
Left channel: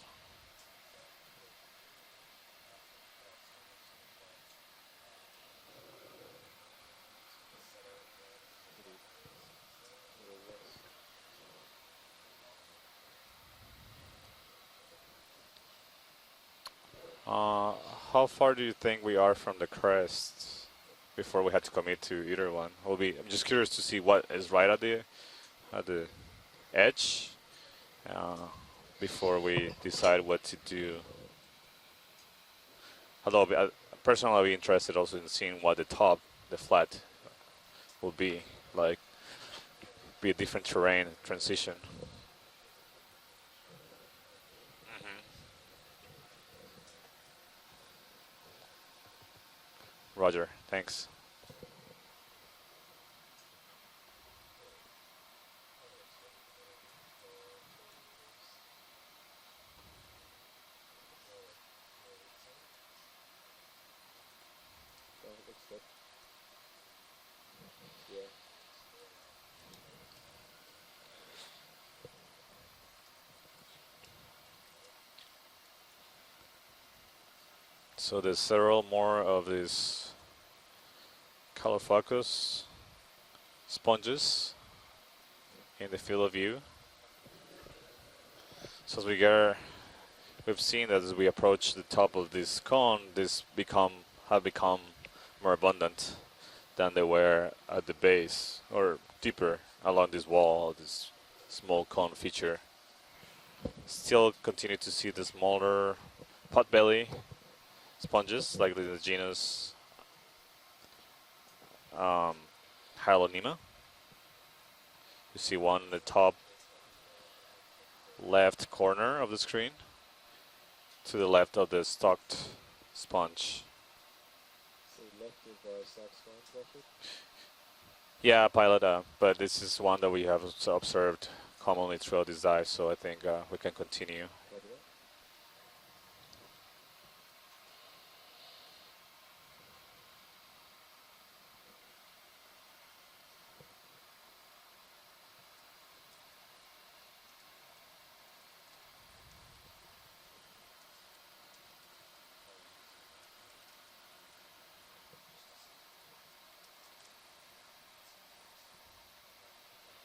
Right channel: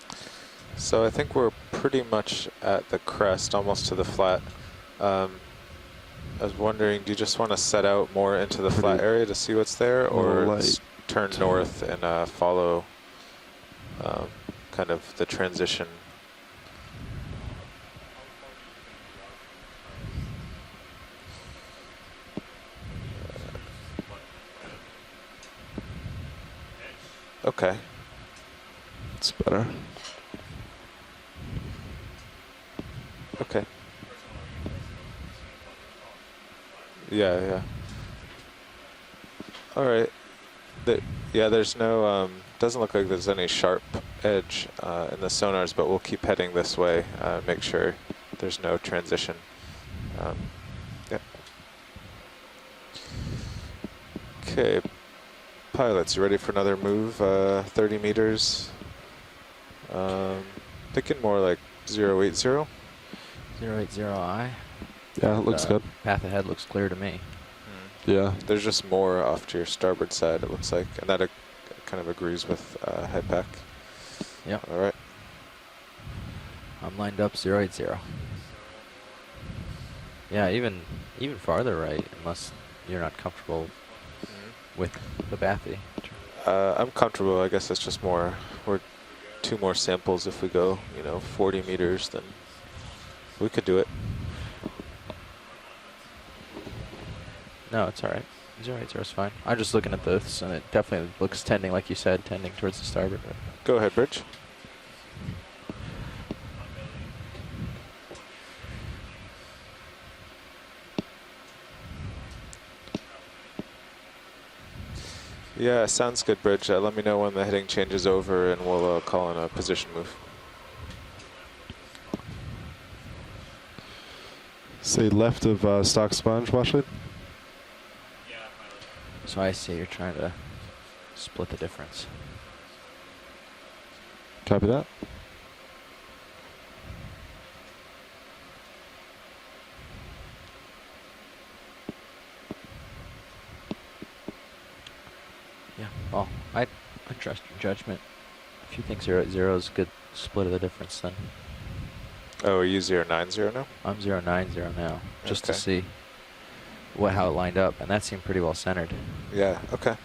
So I think we're pretty much at the crest, almost to the flat. I was wondering, do you just want to set out more into the flat area to see what's there, or turn north and follow kind of the transition? How far do you think we are from the crest before we had to commit to either one? We'll be just curious to see what is right at the edge. Okay. Before we decide what to do. Although personally, I'll be interested also in seeing what the top, the flat, will be like. All right. Be a different terrain. Yeah, there's no. Doesn't look like there's any sharp edge in the sonars, but we'll keep heading this way. Make sure there's no transition. Roger. Thanks. Yep. Okay. Pilots, you ready for another move? 30 meters. Thinking more like 080. 080I. Yeah, it looks good. Path ahead looks clear to me. Yeah. There's just more off to your starboard side, it looks like. And that kind of agrees with head pack. Yep. All right. I'm lined up 080. So there's several more of these. Yeah, even farther right, focus unless you're not comfortable. Sponges. with the bathy? In the field of view. I'm comfortable. I guess it's just more. We're So as we get, 2 more samples if we we've go seen that you as know, we 40 approach meters. the top then of this cone, this we could do it. have become more abundant than they were No, at it's the all right. base 090 is fine. deeper I'm just looking at along this, this and wall. it definitely This looks tending, small like you cone said, feature. tending towards the starboard. Go ahead, Bridge. Still continue to see the smaller potbelly sponges like the genus Hyalonema. You see one Yeah, in the sounds top good, Bridge. Let me know when the heading changes over, left and we'll corner call of on the a screen. position move. to the left of the stocked sponge. Say left of stock sponge, Washington. Yeah, pilot, but So I this see is you're one that trying we to have observed split the commonly difference. throughout these dives, so I think we can continue. Copy that. Yeah. Well, I trust your judgment. If you think 0 is a good split of the difference, then Oh, are you 090 now? I'm 090 now, just to Okay. see how it lined up, and that seemed pretty well centered. Yeah, okay.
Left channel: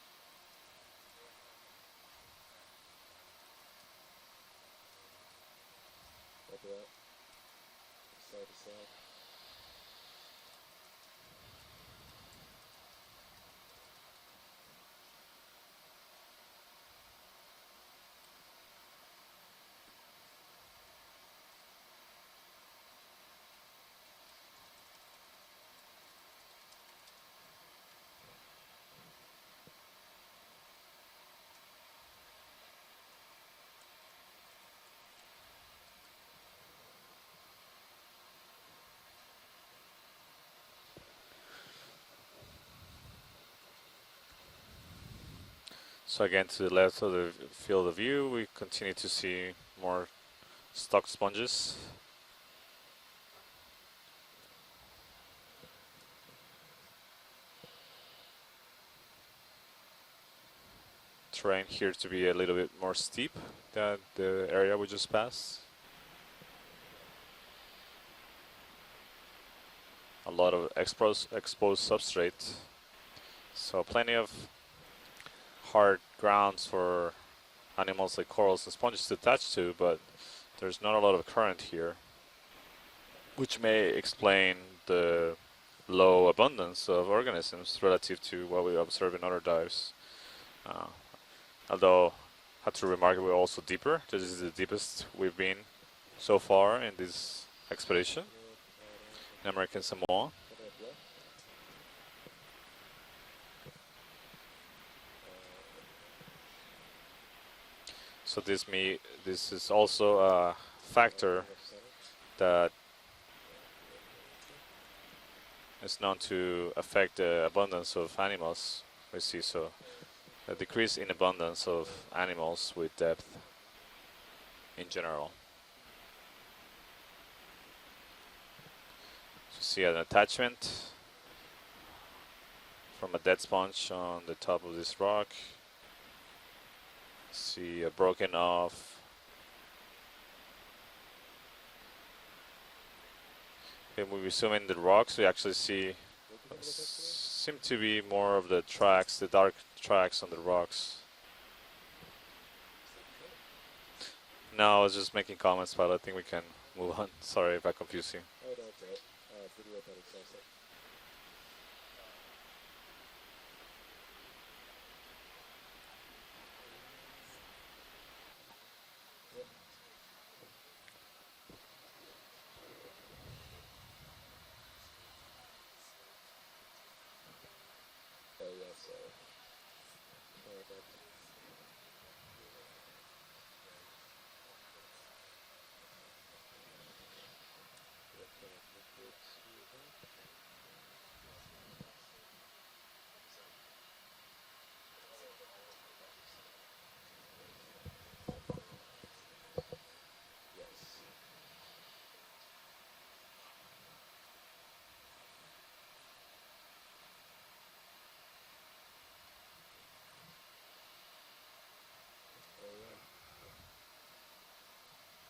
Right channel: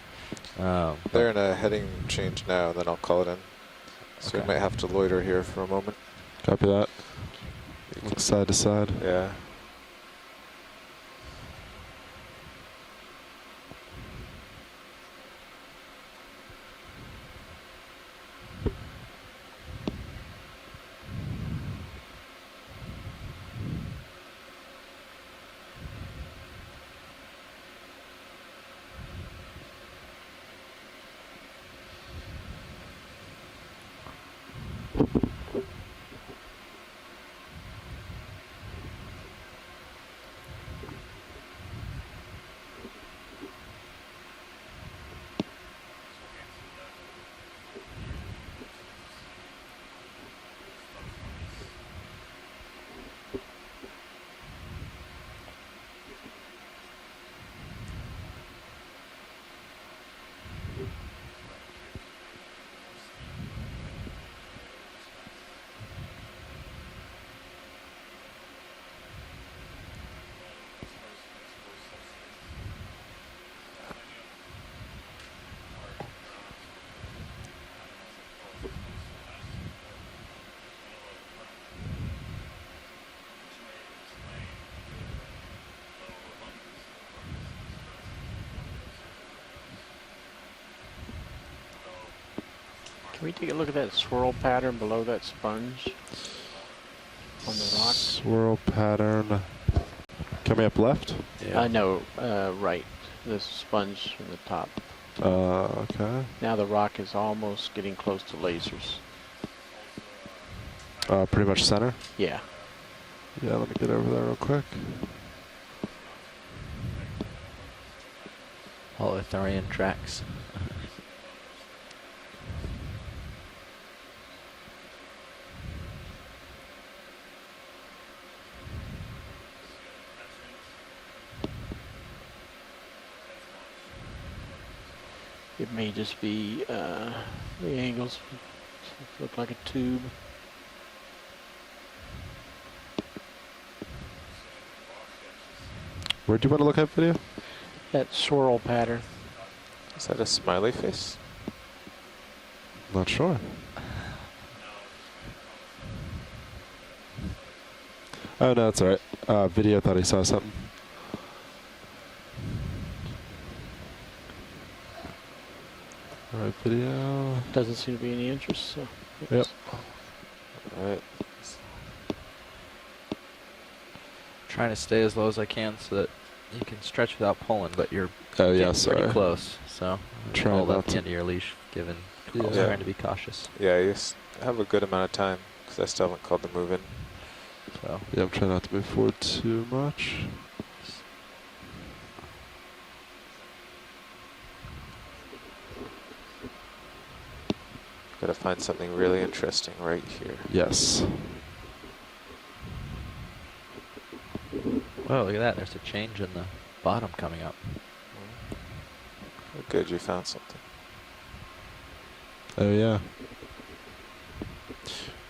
But They're in a heading change now, and then I'll call it in. So we Okay. might have to loiter here for a moment. Copy that. Look side to side. Yeah. So again, to the left of the field of view, we continue to see more stock sponges. Terrain here to be a little bit more steep than the area we just passed. A lot of exposed substrate, so plenty of hard grounds for animals like corals and sponges to attach to, but there's not a lot of current here, which may explain the low abundance of organisms relative to what we observe in other dives. Although, I have to remark Can we're we take a also look at deeper. that This swirl is the pattern deepest below that we've been sponge? so far in this On the rock? expedition. Swirl pattern. in American Samoa. Coming up left. No, right. The sponge from the top. Okay. Now the rock is almost getting close to So lasers. this is also a factor Pretty much center. Yeah. that Yeah, let me get over there real quick. is known to affect the abundance of animals. all This is Arthurian tracks. a decrease in abundance of animals with depth in general. You see an attachment from a dead sponge on the top of this rock. It may just be See the a angles broken off. look like a tube. If we zoom in the rocks, we actually see Where do you want to look at video? seem to be That more swirl of the pattern. tracks, the dark tracks. Is that on a the smiley rocks. face? Not sure. No, I was just making comments, but I think we can move on. Sorry if I confused you. Oh, no, it's alright. Video thought he saw something. Alright, video. Doesn't seem to be any interest. So Yep. Alright. Trying to stay as low as I can so that you can stretch without pulling, but you're Oh, yeah, getting pretty sorry. close. So Trying hold not up the to- end of your leash, given Yeah. also trying to be cautious. Yeah, you have a good amount of time, because I still haven't called the move in. So Yeah, I'm trying not to move forward too much. Gotta find something really interesting right here. Yes. whoa, look at that! There's a change in the bottom coming up. Oh, good, you found something. Oh, yeah.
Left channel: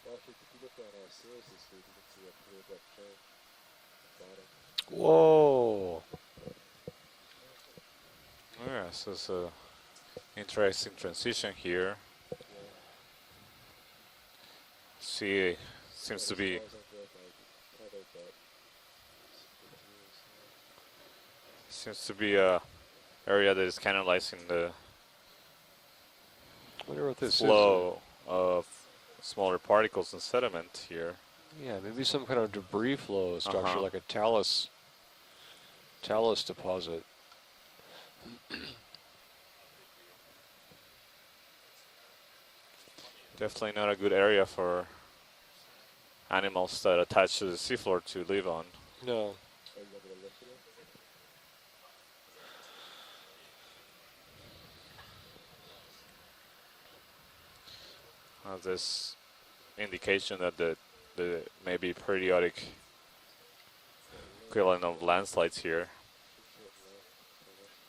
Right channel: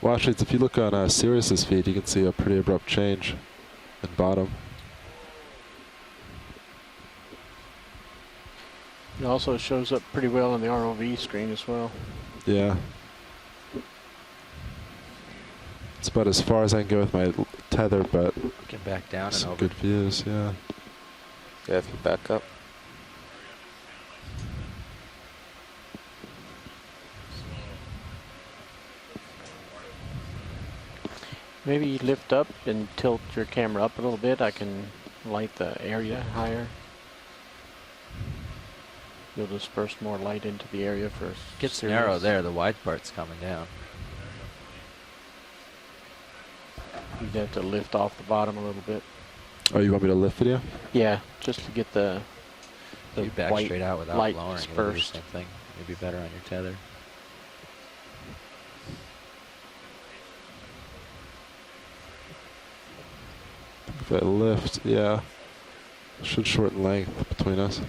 Well, actually, if you look on Sirius's feed, you can see a pretty abrupt change in bottom. Whoa! Yeah, so it's It also shows up pretty well on the interesting ROV transition screen as here. well. Yeah. See, It's seems about to as be far as I can go with my tether, but Get back down and some over. good views, yeah. Yeah, seems to back be up. a area that is canalizing the I wonder what this flow of smaller particles and sediment here. is. Maybe you Maybe some lift kind up of debris and tilt flows, your not camera like up a a little bit. I talus- can light the area talus higher. deposit. You'll disperse more light into the area for Gets serious- narrow there. The wide part's coming Definitely down. not a good area for animals that attach You to have the to lift seafloor off to the live bottom on. a little bit. No, Oh, you want me to lift video? Yeah, just to get the If you back white straight out without light lowering, it'll do the dispersed. same thing. You'd be better on your tether. This indication that the maybe periodic If I lift, feeling of yeah. landslides here, Should shorten length between us.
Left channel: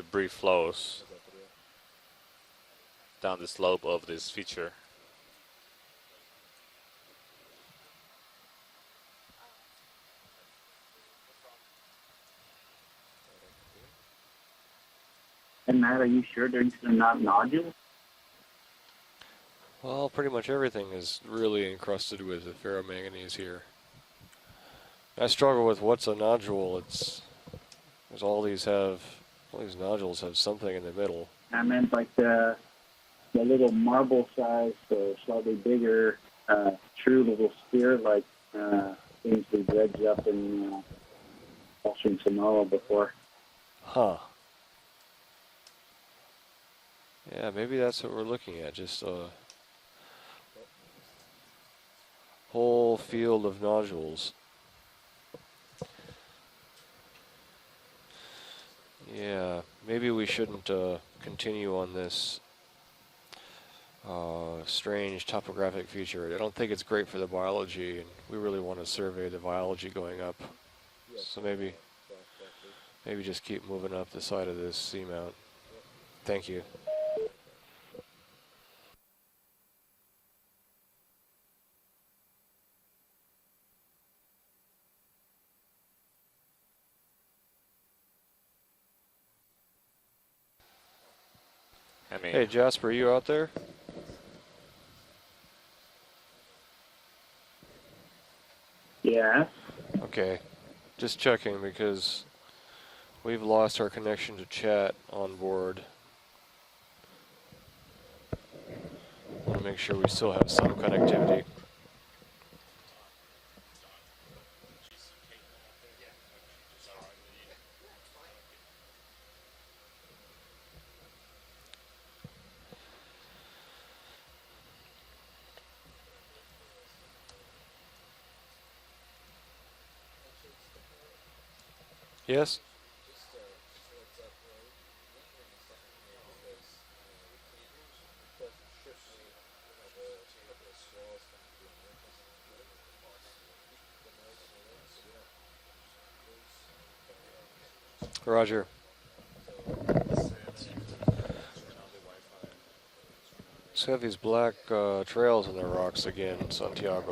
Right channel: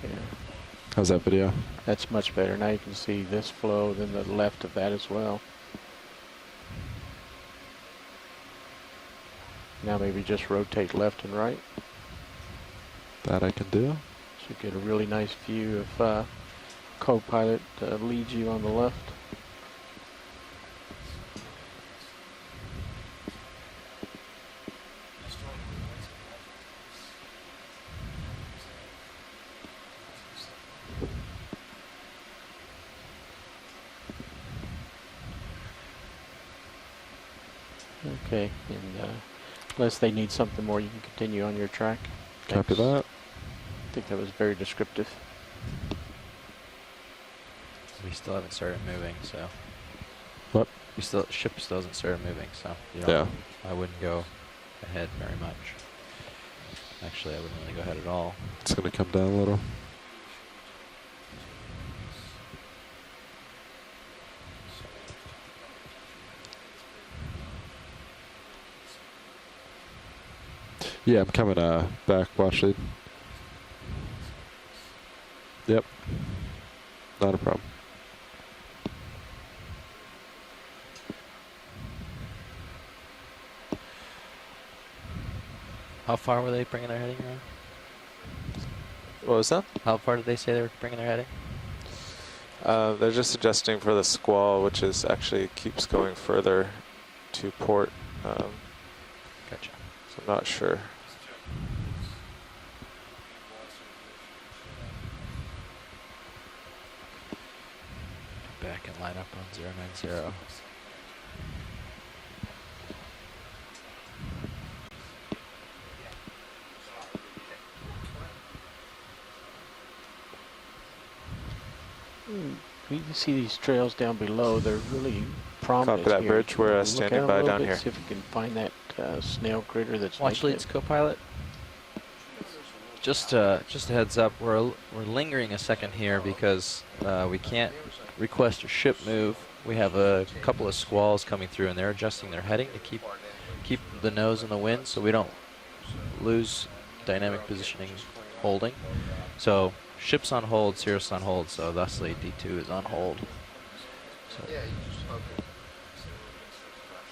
debris flows. How's that video? That's much better. Now you can see Down this the slope flow of and this the left feature. of that as well. Now maybe just rotate left and right. That I can do. Should get a really nice view And Matt, are you of sure there's not co-pilot nodules? leads you on the left. well, pretty much everything is really encrusted with ferromanganese here. I struggle with what's a nodule. It's because all these nodules have something in the middle. I meant like the little marble-sized, slightly bigger, true little sphere, like Okay. things we Unless they dredged need up something in, more, you can continue on your track. in Sonora Copy that. before. I think that was very descriptive. Yeah, maybe that's We what we're still haven't looking at. started Just moving, a so. What? Ship still hasn't started moving. whole so you know, field of I wouldn't go nodules. ahead very much. Actually, I wouldn't really go ahead at all. It's going to come down a Yeah, little. maybe we shouldn't continue on this strange topographic feature. I don't think it's great for the biology. We really want to survey the biology going up. Yeah, I'm coming Maybe- back, watch lead. Maybe just keep moving up the side of this seamount. Yep, Thank you. not a problem. How far were they bringing their heading around? What was that? How far did they say they were bringing their heading? I mean, Hey, Jasper, you they're out just there? adjusting for the squall, which is actually keeps going further to port. Yeah. Gotcha. Okay, Not sure. just checking because we've lost our connection to chat on board. Back and line up. Let's on make sure we 0. still have some connectivity. You can see these trails down below. They're really prominent Copy that here. bridge. We're Look standing at 'em by a little down bit, here. See if we can find that snail critter that's Watch making leads, it. co-pilot. Yes? Just a heads up, we're lingering a second here because we can't request a ship move. We have a couple of squalls coming through, and they're adjusting their heading to keep the nose in the wind, so we don't lose dynamic positioning Roger. holding. So ship's on hold, Cirrus on hold, so thusly D2 is on hold. So we have these black trails in the rocks again in Santiago.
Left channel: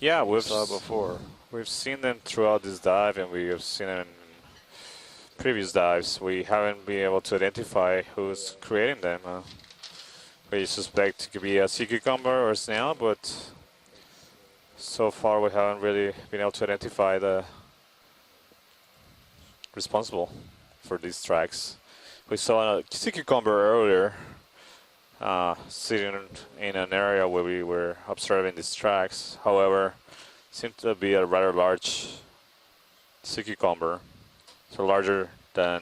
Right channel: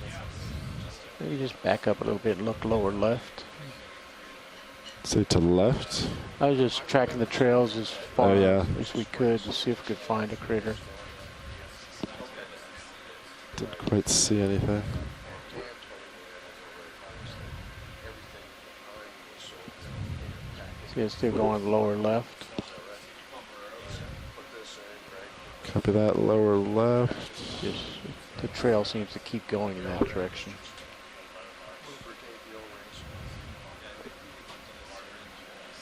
yeah, we've Saw before. Maybe just we've back seen up a little it bit. throughout Look this lower dive, left. and we have seen it Say to in the previous left. dives. We I haven't just been tracking able the to trails identify as far Oh, who's yeah. as creating we them. could to see if we could find a We critter. suspect it could be a sea cucumber or a snail, but Didn't quite see anything. so far we haven't really been able to identify the responsible for See these if they're tracks. going lower left. We saw a sea cucumber earlier, that lower in an left. area where we were observing The these trail seems tracks. to keep going However, in that direction. it seemed to be a rather large sea cucumber, so larger than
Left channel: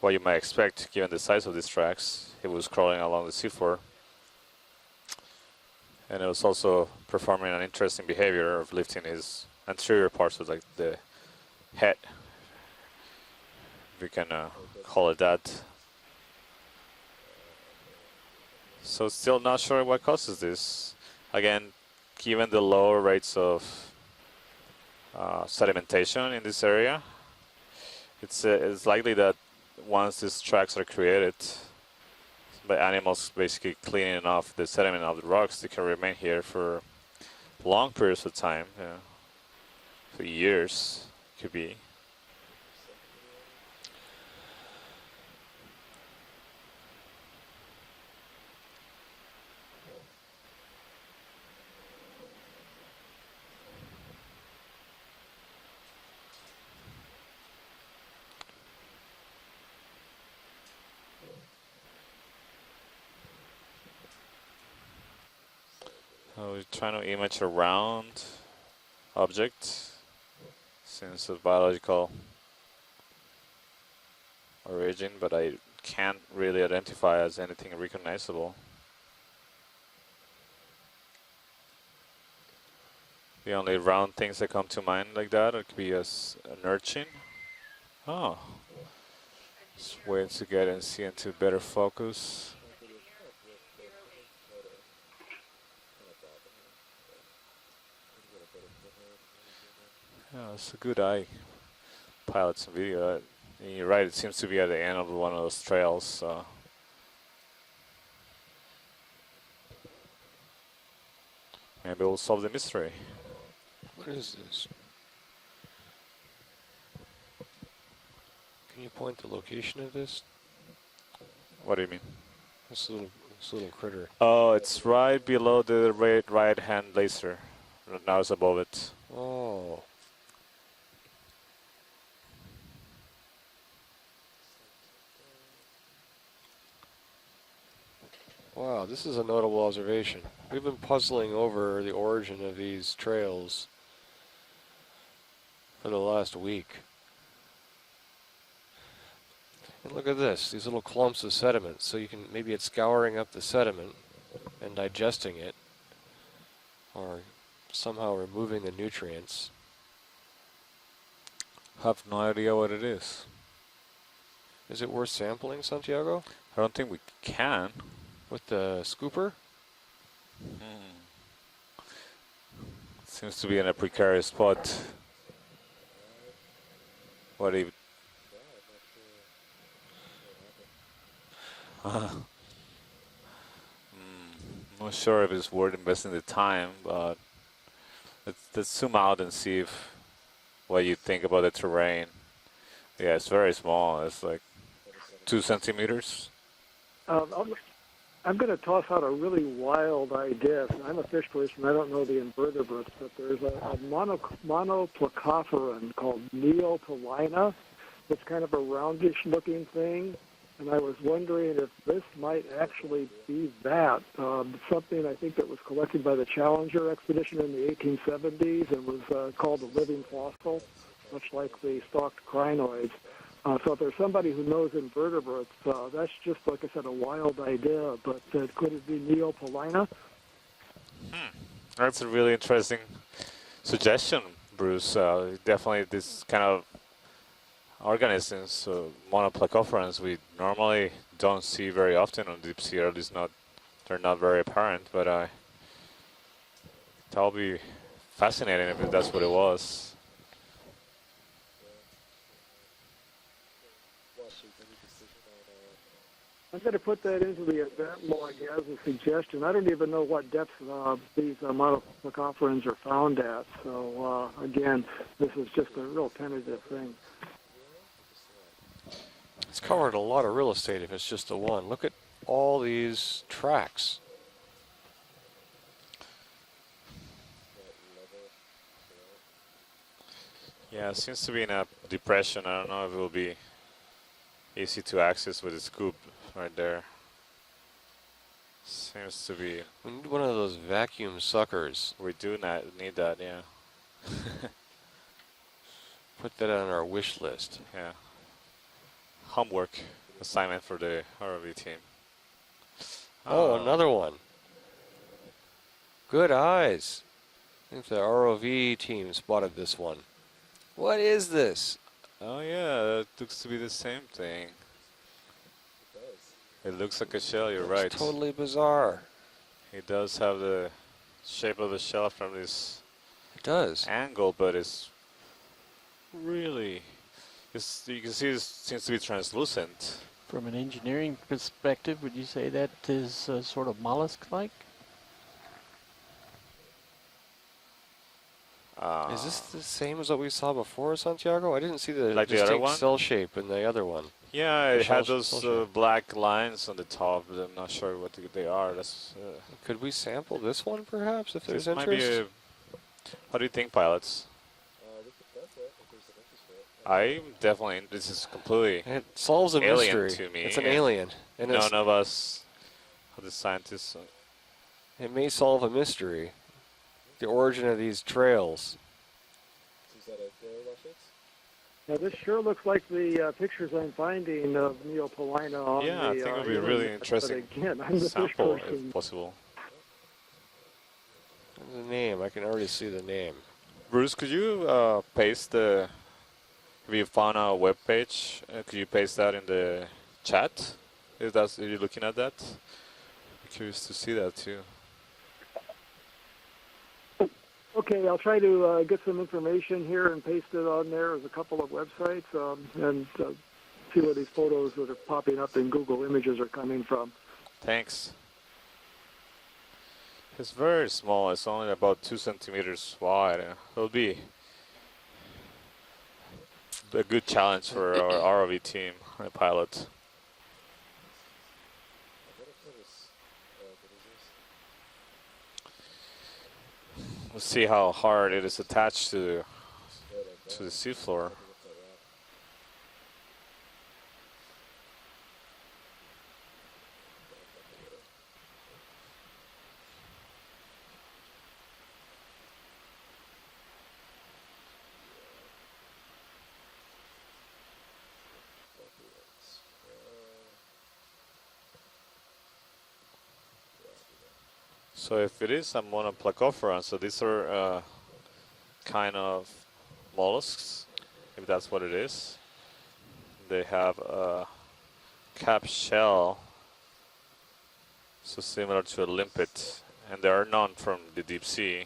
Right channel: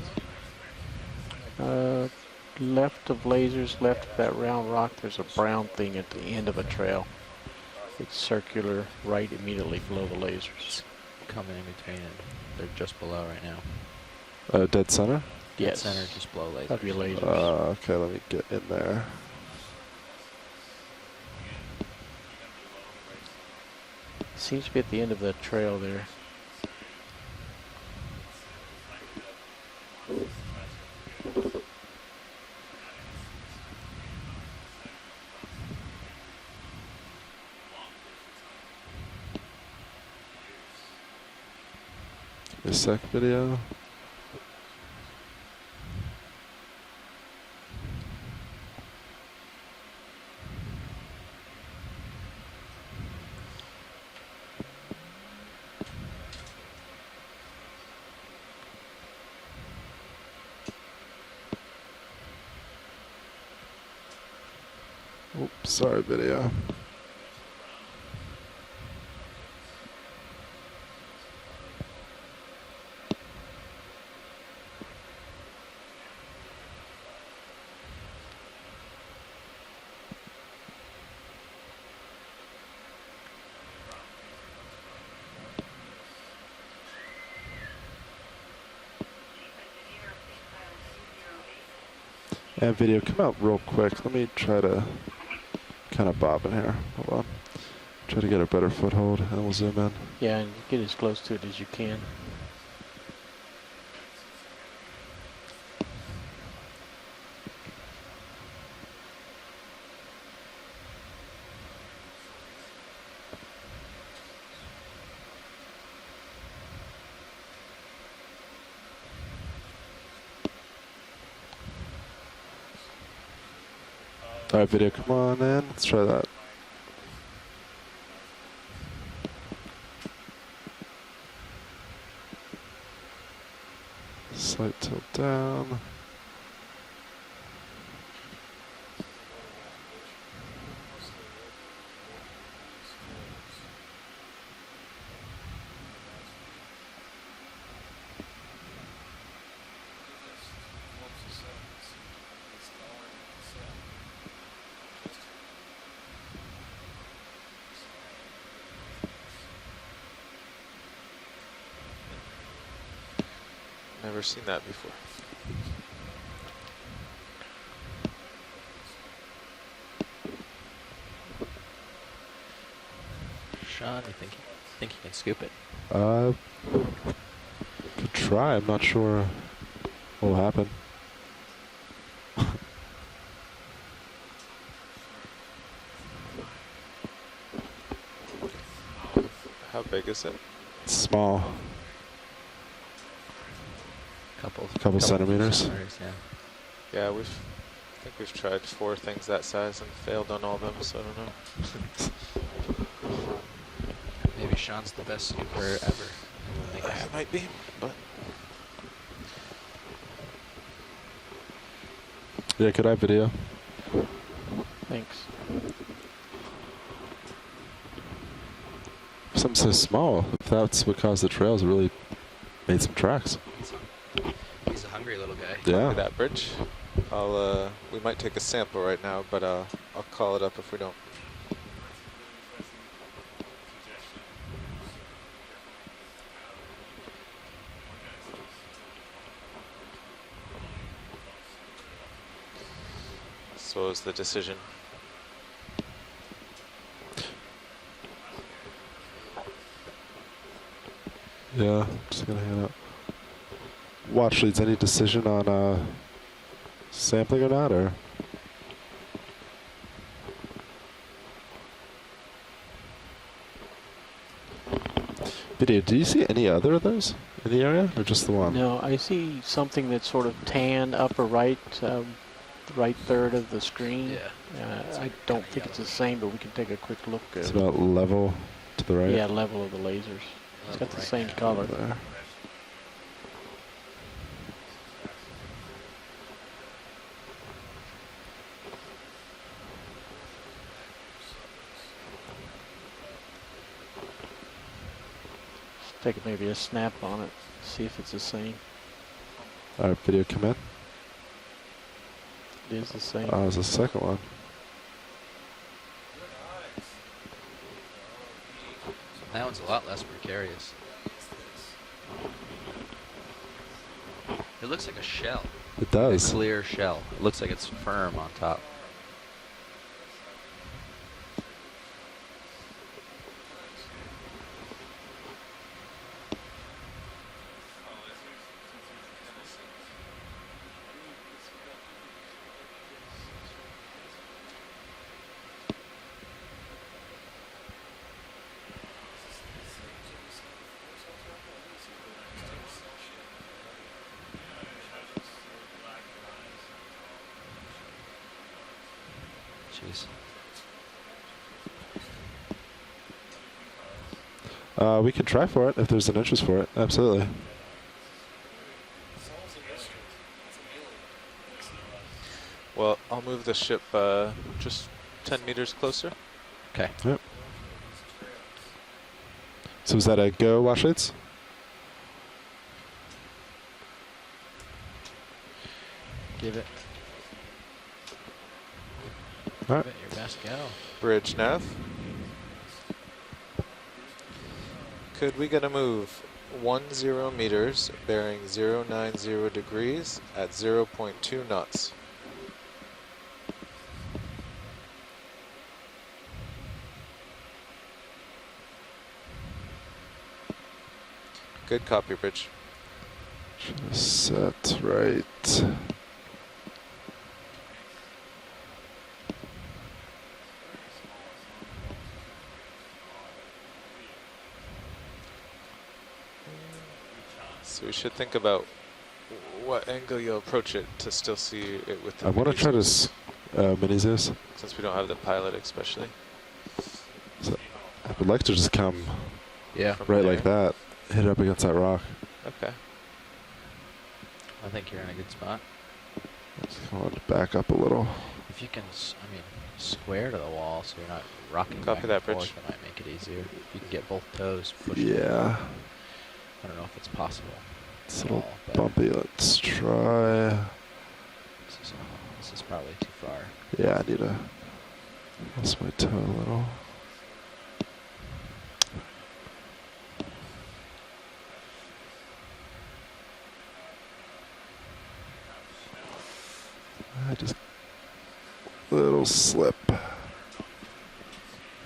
what you might expect given the size of these tracks. It was crawling Left along of the lasers, seafloor, left of that round rock, there's a brown thing at and the it was end of the also trail. performing an interesting It's behavior of circular, lifting right its immediately anterior below the parts of like lasers. Coming in Head. between, and they're just below right now. we can Dead call center? it that. Yes. Center just below laser. That'd be lasers. Okay, let me get in there. So still not sure what causes this. Again, given the lower rates of Seems to be at the end of the trail there. sedimentation in this area, it's likely that once these tracks are created by animals basically cleaning off the sediment of the rocks, they can remain here for long periods of time, for years, could be. A sec video. Oops, sorry, video. We're trying to image a round object since it's biological origin, but I can't really identify as anything recognizable. The only round things that come to mind like that would be as an urchin. Oh. Just wait to get and see into better focus. And video, come out real quick. Let me try to kind of bob in here. Hold on. Try to get a better foothold, and we'll zoom in. Yeah, and get as Good close eye. to it as you can. Pilot's video. You're right, it seems to be at the end of one of those trails. So. Maybe we'll solve the mystery. What is this? Can you point the location of this? What do you mean? This little critter. Oh, Alright, it's video, come right on, below man. Let's the try that. right hand laser. Now it's above it. Oh. Slight tilt down. Wow, this is a notable observation. We've been puzzling over the origin of these trails for the last week. But look at this, these little clumps of sediment. So you can, maybe it's scouring up the sediment and digesting it, or somehow removing the nutrients. I have no idea what it is. Never seen that Is before. it worth sampling, Santiago? I don't think we can. With the scooper? Seems to be in a Shot. precarious spot. I think you can scoop it. What do you? Could try. I'm not sure what will happen. Not sure if it's worth investing the time, but let's zoom out and see if How big is it? what you think Small. about the terrain. Yeah, it's very small. It's like Couple. A couple 2 centimeters. centimeters. Yeah, Um, I think I'm we've going to tried toss 4 out a things really that size and wild failed on all idea. of them. I'm So a fisherist and I don't know the invertebrate. There's a Maybe Sean's the best monoclocopter skipper. called Neocolina. It's kind of a roundish looking thing. And I was wondering if this might Yeah, could I actually video? be that. Something Thanks. I think that was collected by the Challenger expedition in the 1870s and was Something called so the small. living If fossil. that's what caused the trails, it really Stalked crinoids. made some tracks. So if there's somebody who knows He's a hungry little invertebrates, guy. Yeah. That let's bridge? just focus on a wild idea. We might take a Could sample it right be now, but Neocolina? I'll call it up if we don't. That's a really interesting suggestion, Bruce. Definitely this kind of organisms, monoplacophorans, we normally don't see very often on deep sea, or at least not, So they're is the not very decision. apparent, but that'll be fascinating if that's what it was. Yeah, just gonna hang out. Watch leads. Any decision on I'm going to put that sampling into or not, the or? example as a suggestion. I don't even know what depth these monoplacophorans are found at. So again, this is just Video, a do you real see any other of those in the area, or just the one? No, I see something covering a that's lot sort of real of estate. tan It's upper just the right, one. Look at all these right third of the tracks. screen. Yeah. I don't think it's the same, but we can take a quick look. It's about level to the right. Yeah, level of the lasers. It's Yeah, got it the seems same to be in color. a depression. I don't know if it will be easy to access with a scoop right there. Seems to be. We need one of those vacuum suckers. We do not need that, yeah. Take Put maybe that a on our snap wish on it, list. see Yeah. if it's the same. Homework All right, video come assignment up. for the ROV team. It is the same. Oh, there's a another second one. Good eyes. I think the ROV team That spotted one's a this lot one. less precarious. What is this? Oh yeah, that looks to be the same thing. It looks like a shell. It does. Clear It shell. looks like a it looks shell, like it's you're right. firm Totally on top. bizarre. It does have the shape of the shell from this It does. angle, but it's really, you can see it seems to be translucent. From an engineering perspective, would you say that is sort of mollusk-like? Is this the same as what we saw before, Santiago? I didn't see the Like the other distinct one? cell shape in the other one. Yeah, it had shell those shape. black lines on the top, but I'm not sure what they are. That's Could we sample this one, perhaps, if there's this might be interest? what do you think, pilots? We can try for it if there's an interest for it. Absolutely. I definitely. This is completely It solves a alien mystery. to me, It's an and alien. And it's none of us Well, I'll move the ship just It may 10 solve meters a closer. mystery. Okay. Yep. The origin of these trails. So is that a go, Washlights? Now, this sure looks like the pictures I'm finding of Neopolina on Yeah, I the think it would be a really interesting But again, I'm the first sample person. if possible. Give it your best go. Bridge nav. Name, I can already see the name. Bruce, could you paste We're going to the move 10 Viewfauna meters, webpage? bearing If you paste that in 090 the degrees, chat? at 0.2 If that's what you're knots. looking at that? I'm curious to see that too. Okay, I'll try to get some information here and paste it on there. There's a couple of Good websites. copy, Bridge. And see where these photos Set are popping up and right. Google Images are coming from. Thanks. It's very small. It's only about 2 centimeters wide. It'll be a good challenge So for we should our think ROV about team, our pilots. What angle you'll approach it to still see it with the I want to try mini-zoom, to mini Zeus. since we don't have the pilot especially. Let's see how hard like it to is just come attached to Yeah. From Right there. like that. the Hit seafloor. up against that rock. Okay. I think you're in a good spot. I want to back up a little. If you can, I mean, square to the wall so you're not rocking Copy back that, and Bridge. forth, that might make it easier. If you can get both toes pushed. Yeah. I don't know if it's possible. It's a at little all, but bumpy. Let's try. This is probably too far. Yeah, I need a. So if it is a That's my toe. monoplacophora, so these are kind of mollusks, if that's what it is. They have a cap shell, I just so similar to little lipids, slip. and there are none from the deep sea.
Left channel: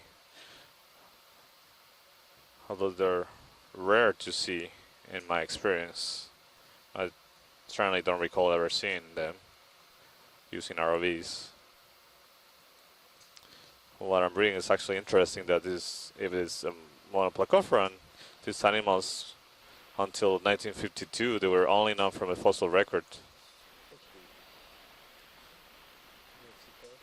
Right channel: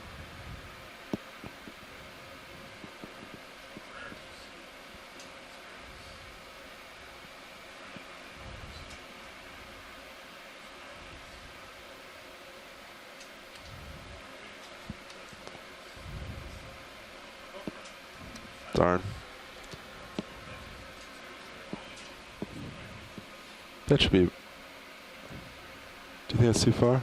Although they're rare to see, in my experience. I certainly don't recall ever seeing them using ROVs. What I'm reading is actually interesting that if it's monoplacophoran, these animals, until 1952, they were only known from a fossil record. That should be. Do you think that's too far?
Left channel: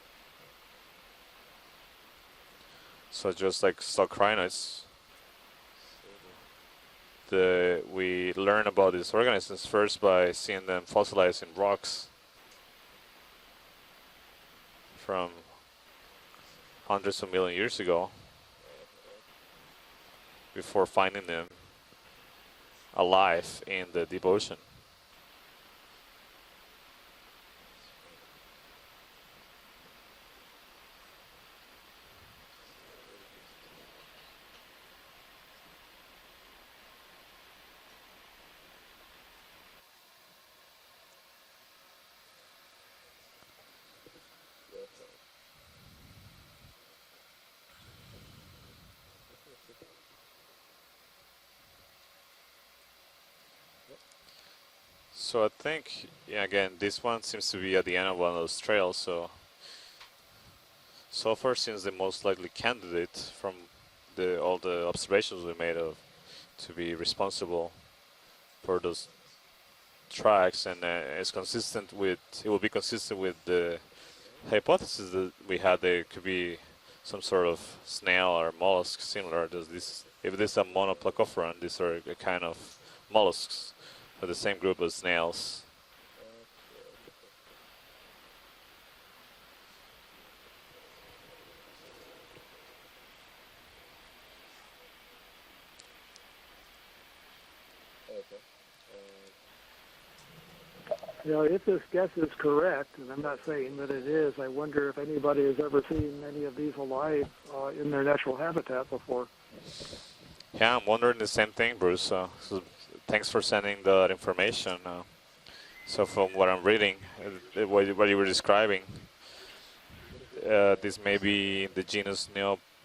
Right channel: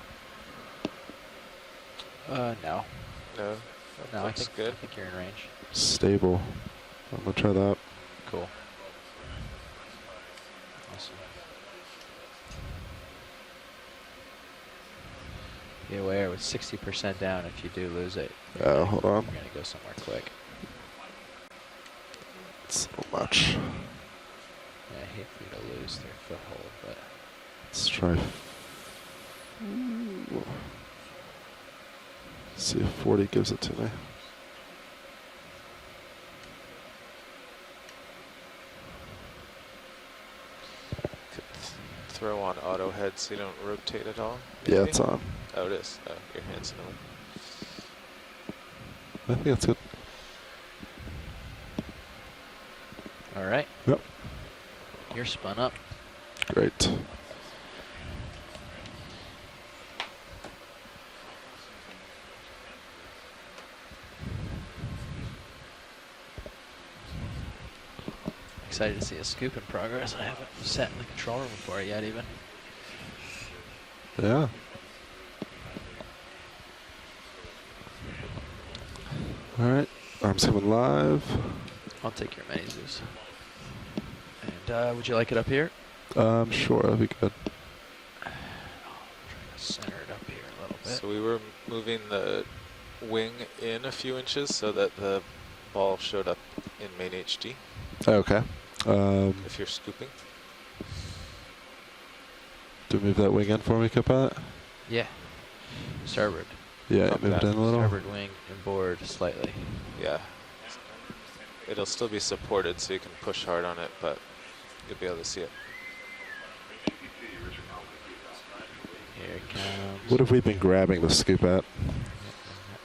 No. So just like stock No, it's crinoids, good. I think you're in range. Stable. I'm gonna try that. we Cool. learn about these organisms first by seeing them fossilized in rocks from Be aware, with 60% hundreds of down, million if you years do ago. lose it, Hold on. you're gonna go somewhere quick. before finding them It's alive much. in the deep ocean. Yeah, I hate for you to lose their foothold, but Let's try. See if 40 gives it to me. Throw on auto head so you don't rotate at all. Yeah, maybe? it's on. Oh, it is. Oh, your hand's in the way. I think that's good. all right. Yep. You're So spun I up. think, yeah, again, Great. this one seems to be at the end of one of those trails. So far seems the most likely candidate from all the observations we made of to be responsible for Excited to those see a scoop in progress. man. tracks, Just and haven't it's patrolled before consistent yet with. even. It will be consistent with the Yeah. hypothesis that we had. There could be some sort of snail or mollusk similar. To All right. this. I'm If this is a seeing live. monoplacophoran, these are I'll the take kind your of mazes. mollusks of the same group as Would snails. you like it up here? Sure, that'd be good. Center it up here a little bit. So we were moving the wing in a few inches so that the ball showed up in main HD Okay. if you're scooping. You know, if this guess is correct, Do we move that wing in for me, Capella? I wonder if Yeah. anybody has ever seen Starboard. any of these Yeah, alive move it in a little. in Starboard their natural wing habitat forward before. slightly. Yeah. Yeah, I'm wondering the same thing, It'll Bruce. still be supported so you can Thanks for push hard sending on it, the but information. you'll be able to see it. So from what I'm reading, what you were describing, Here it comes. What have we been grabbing the this may scoop at? be the genus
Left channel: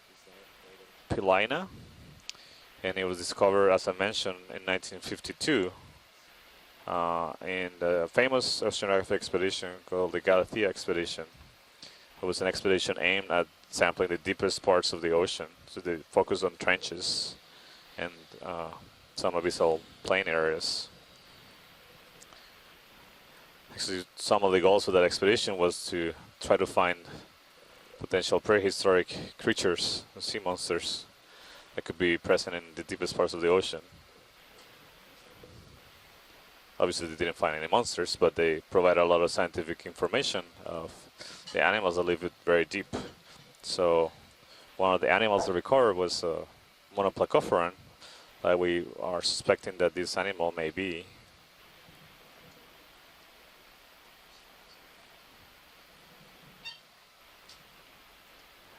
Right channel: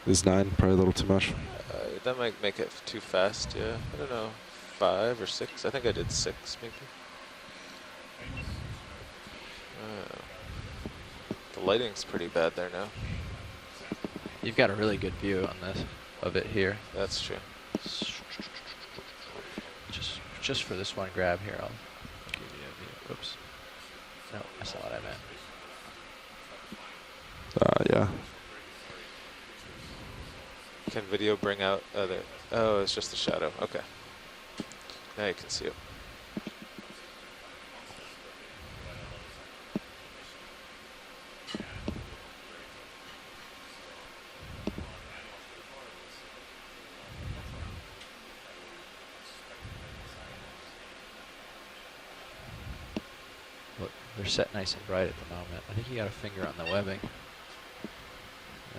Is 9 probably a little too much? Neopilina, That might make it and too it was fast. discovered, to, as I you know, mentioned, in 5 or 6. 1952 I think I did 6 maybe. in the famous oceanographic expedition called the Galathea expedition. The lighting's pretty It was bad an there now. expedition aimed at sampling the deepest got a parts really of the good view ocean. on this, So they focus it on here. trenches That's true. and some abyssal plain areas. Just for this one grab here, I'll give you a view. Whoops. So some of the goals of that expedition was to try to find Yeah. potential prehistoric creatures, sea monsters. Can video bring out? That could be present in oh, the it's deepest just a parts of the shadow. ocean. Okay. Now you can see it. Obviously, they didn't find any monsters, but they provided a lot of scientific information of the animals that live very deep. So one of the animals they recovered was monoplacophorans. We are suspecting that this animal may be. Look, they're set nice and bright at the moment. I think you got a finger on the webbing.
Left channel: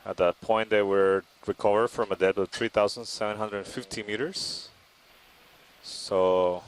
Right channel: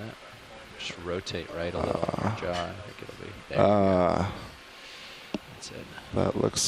Yeah. At that point, they Should were rotate right recovered up. from a depth of God. 3,750 meters. That's it. So That looks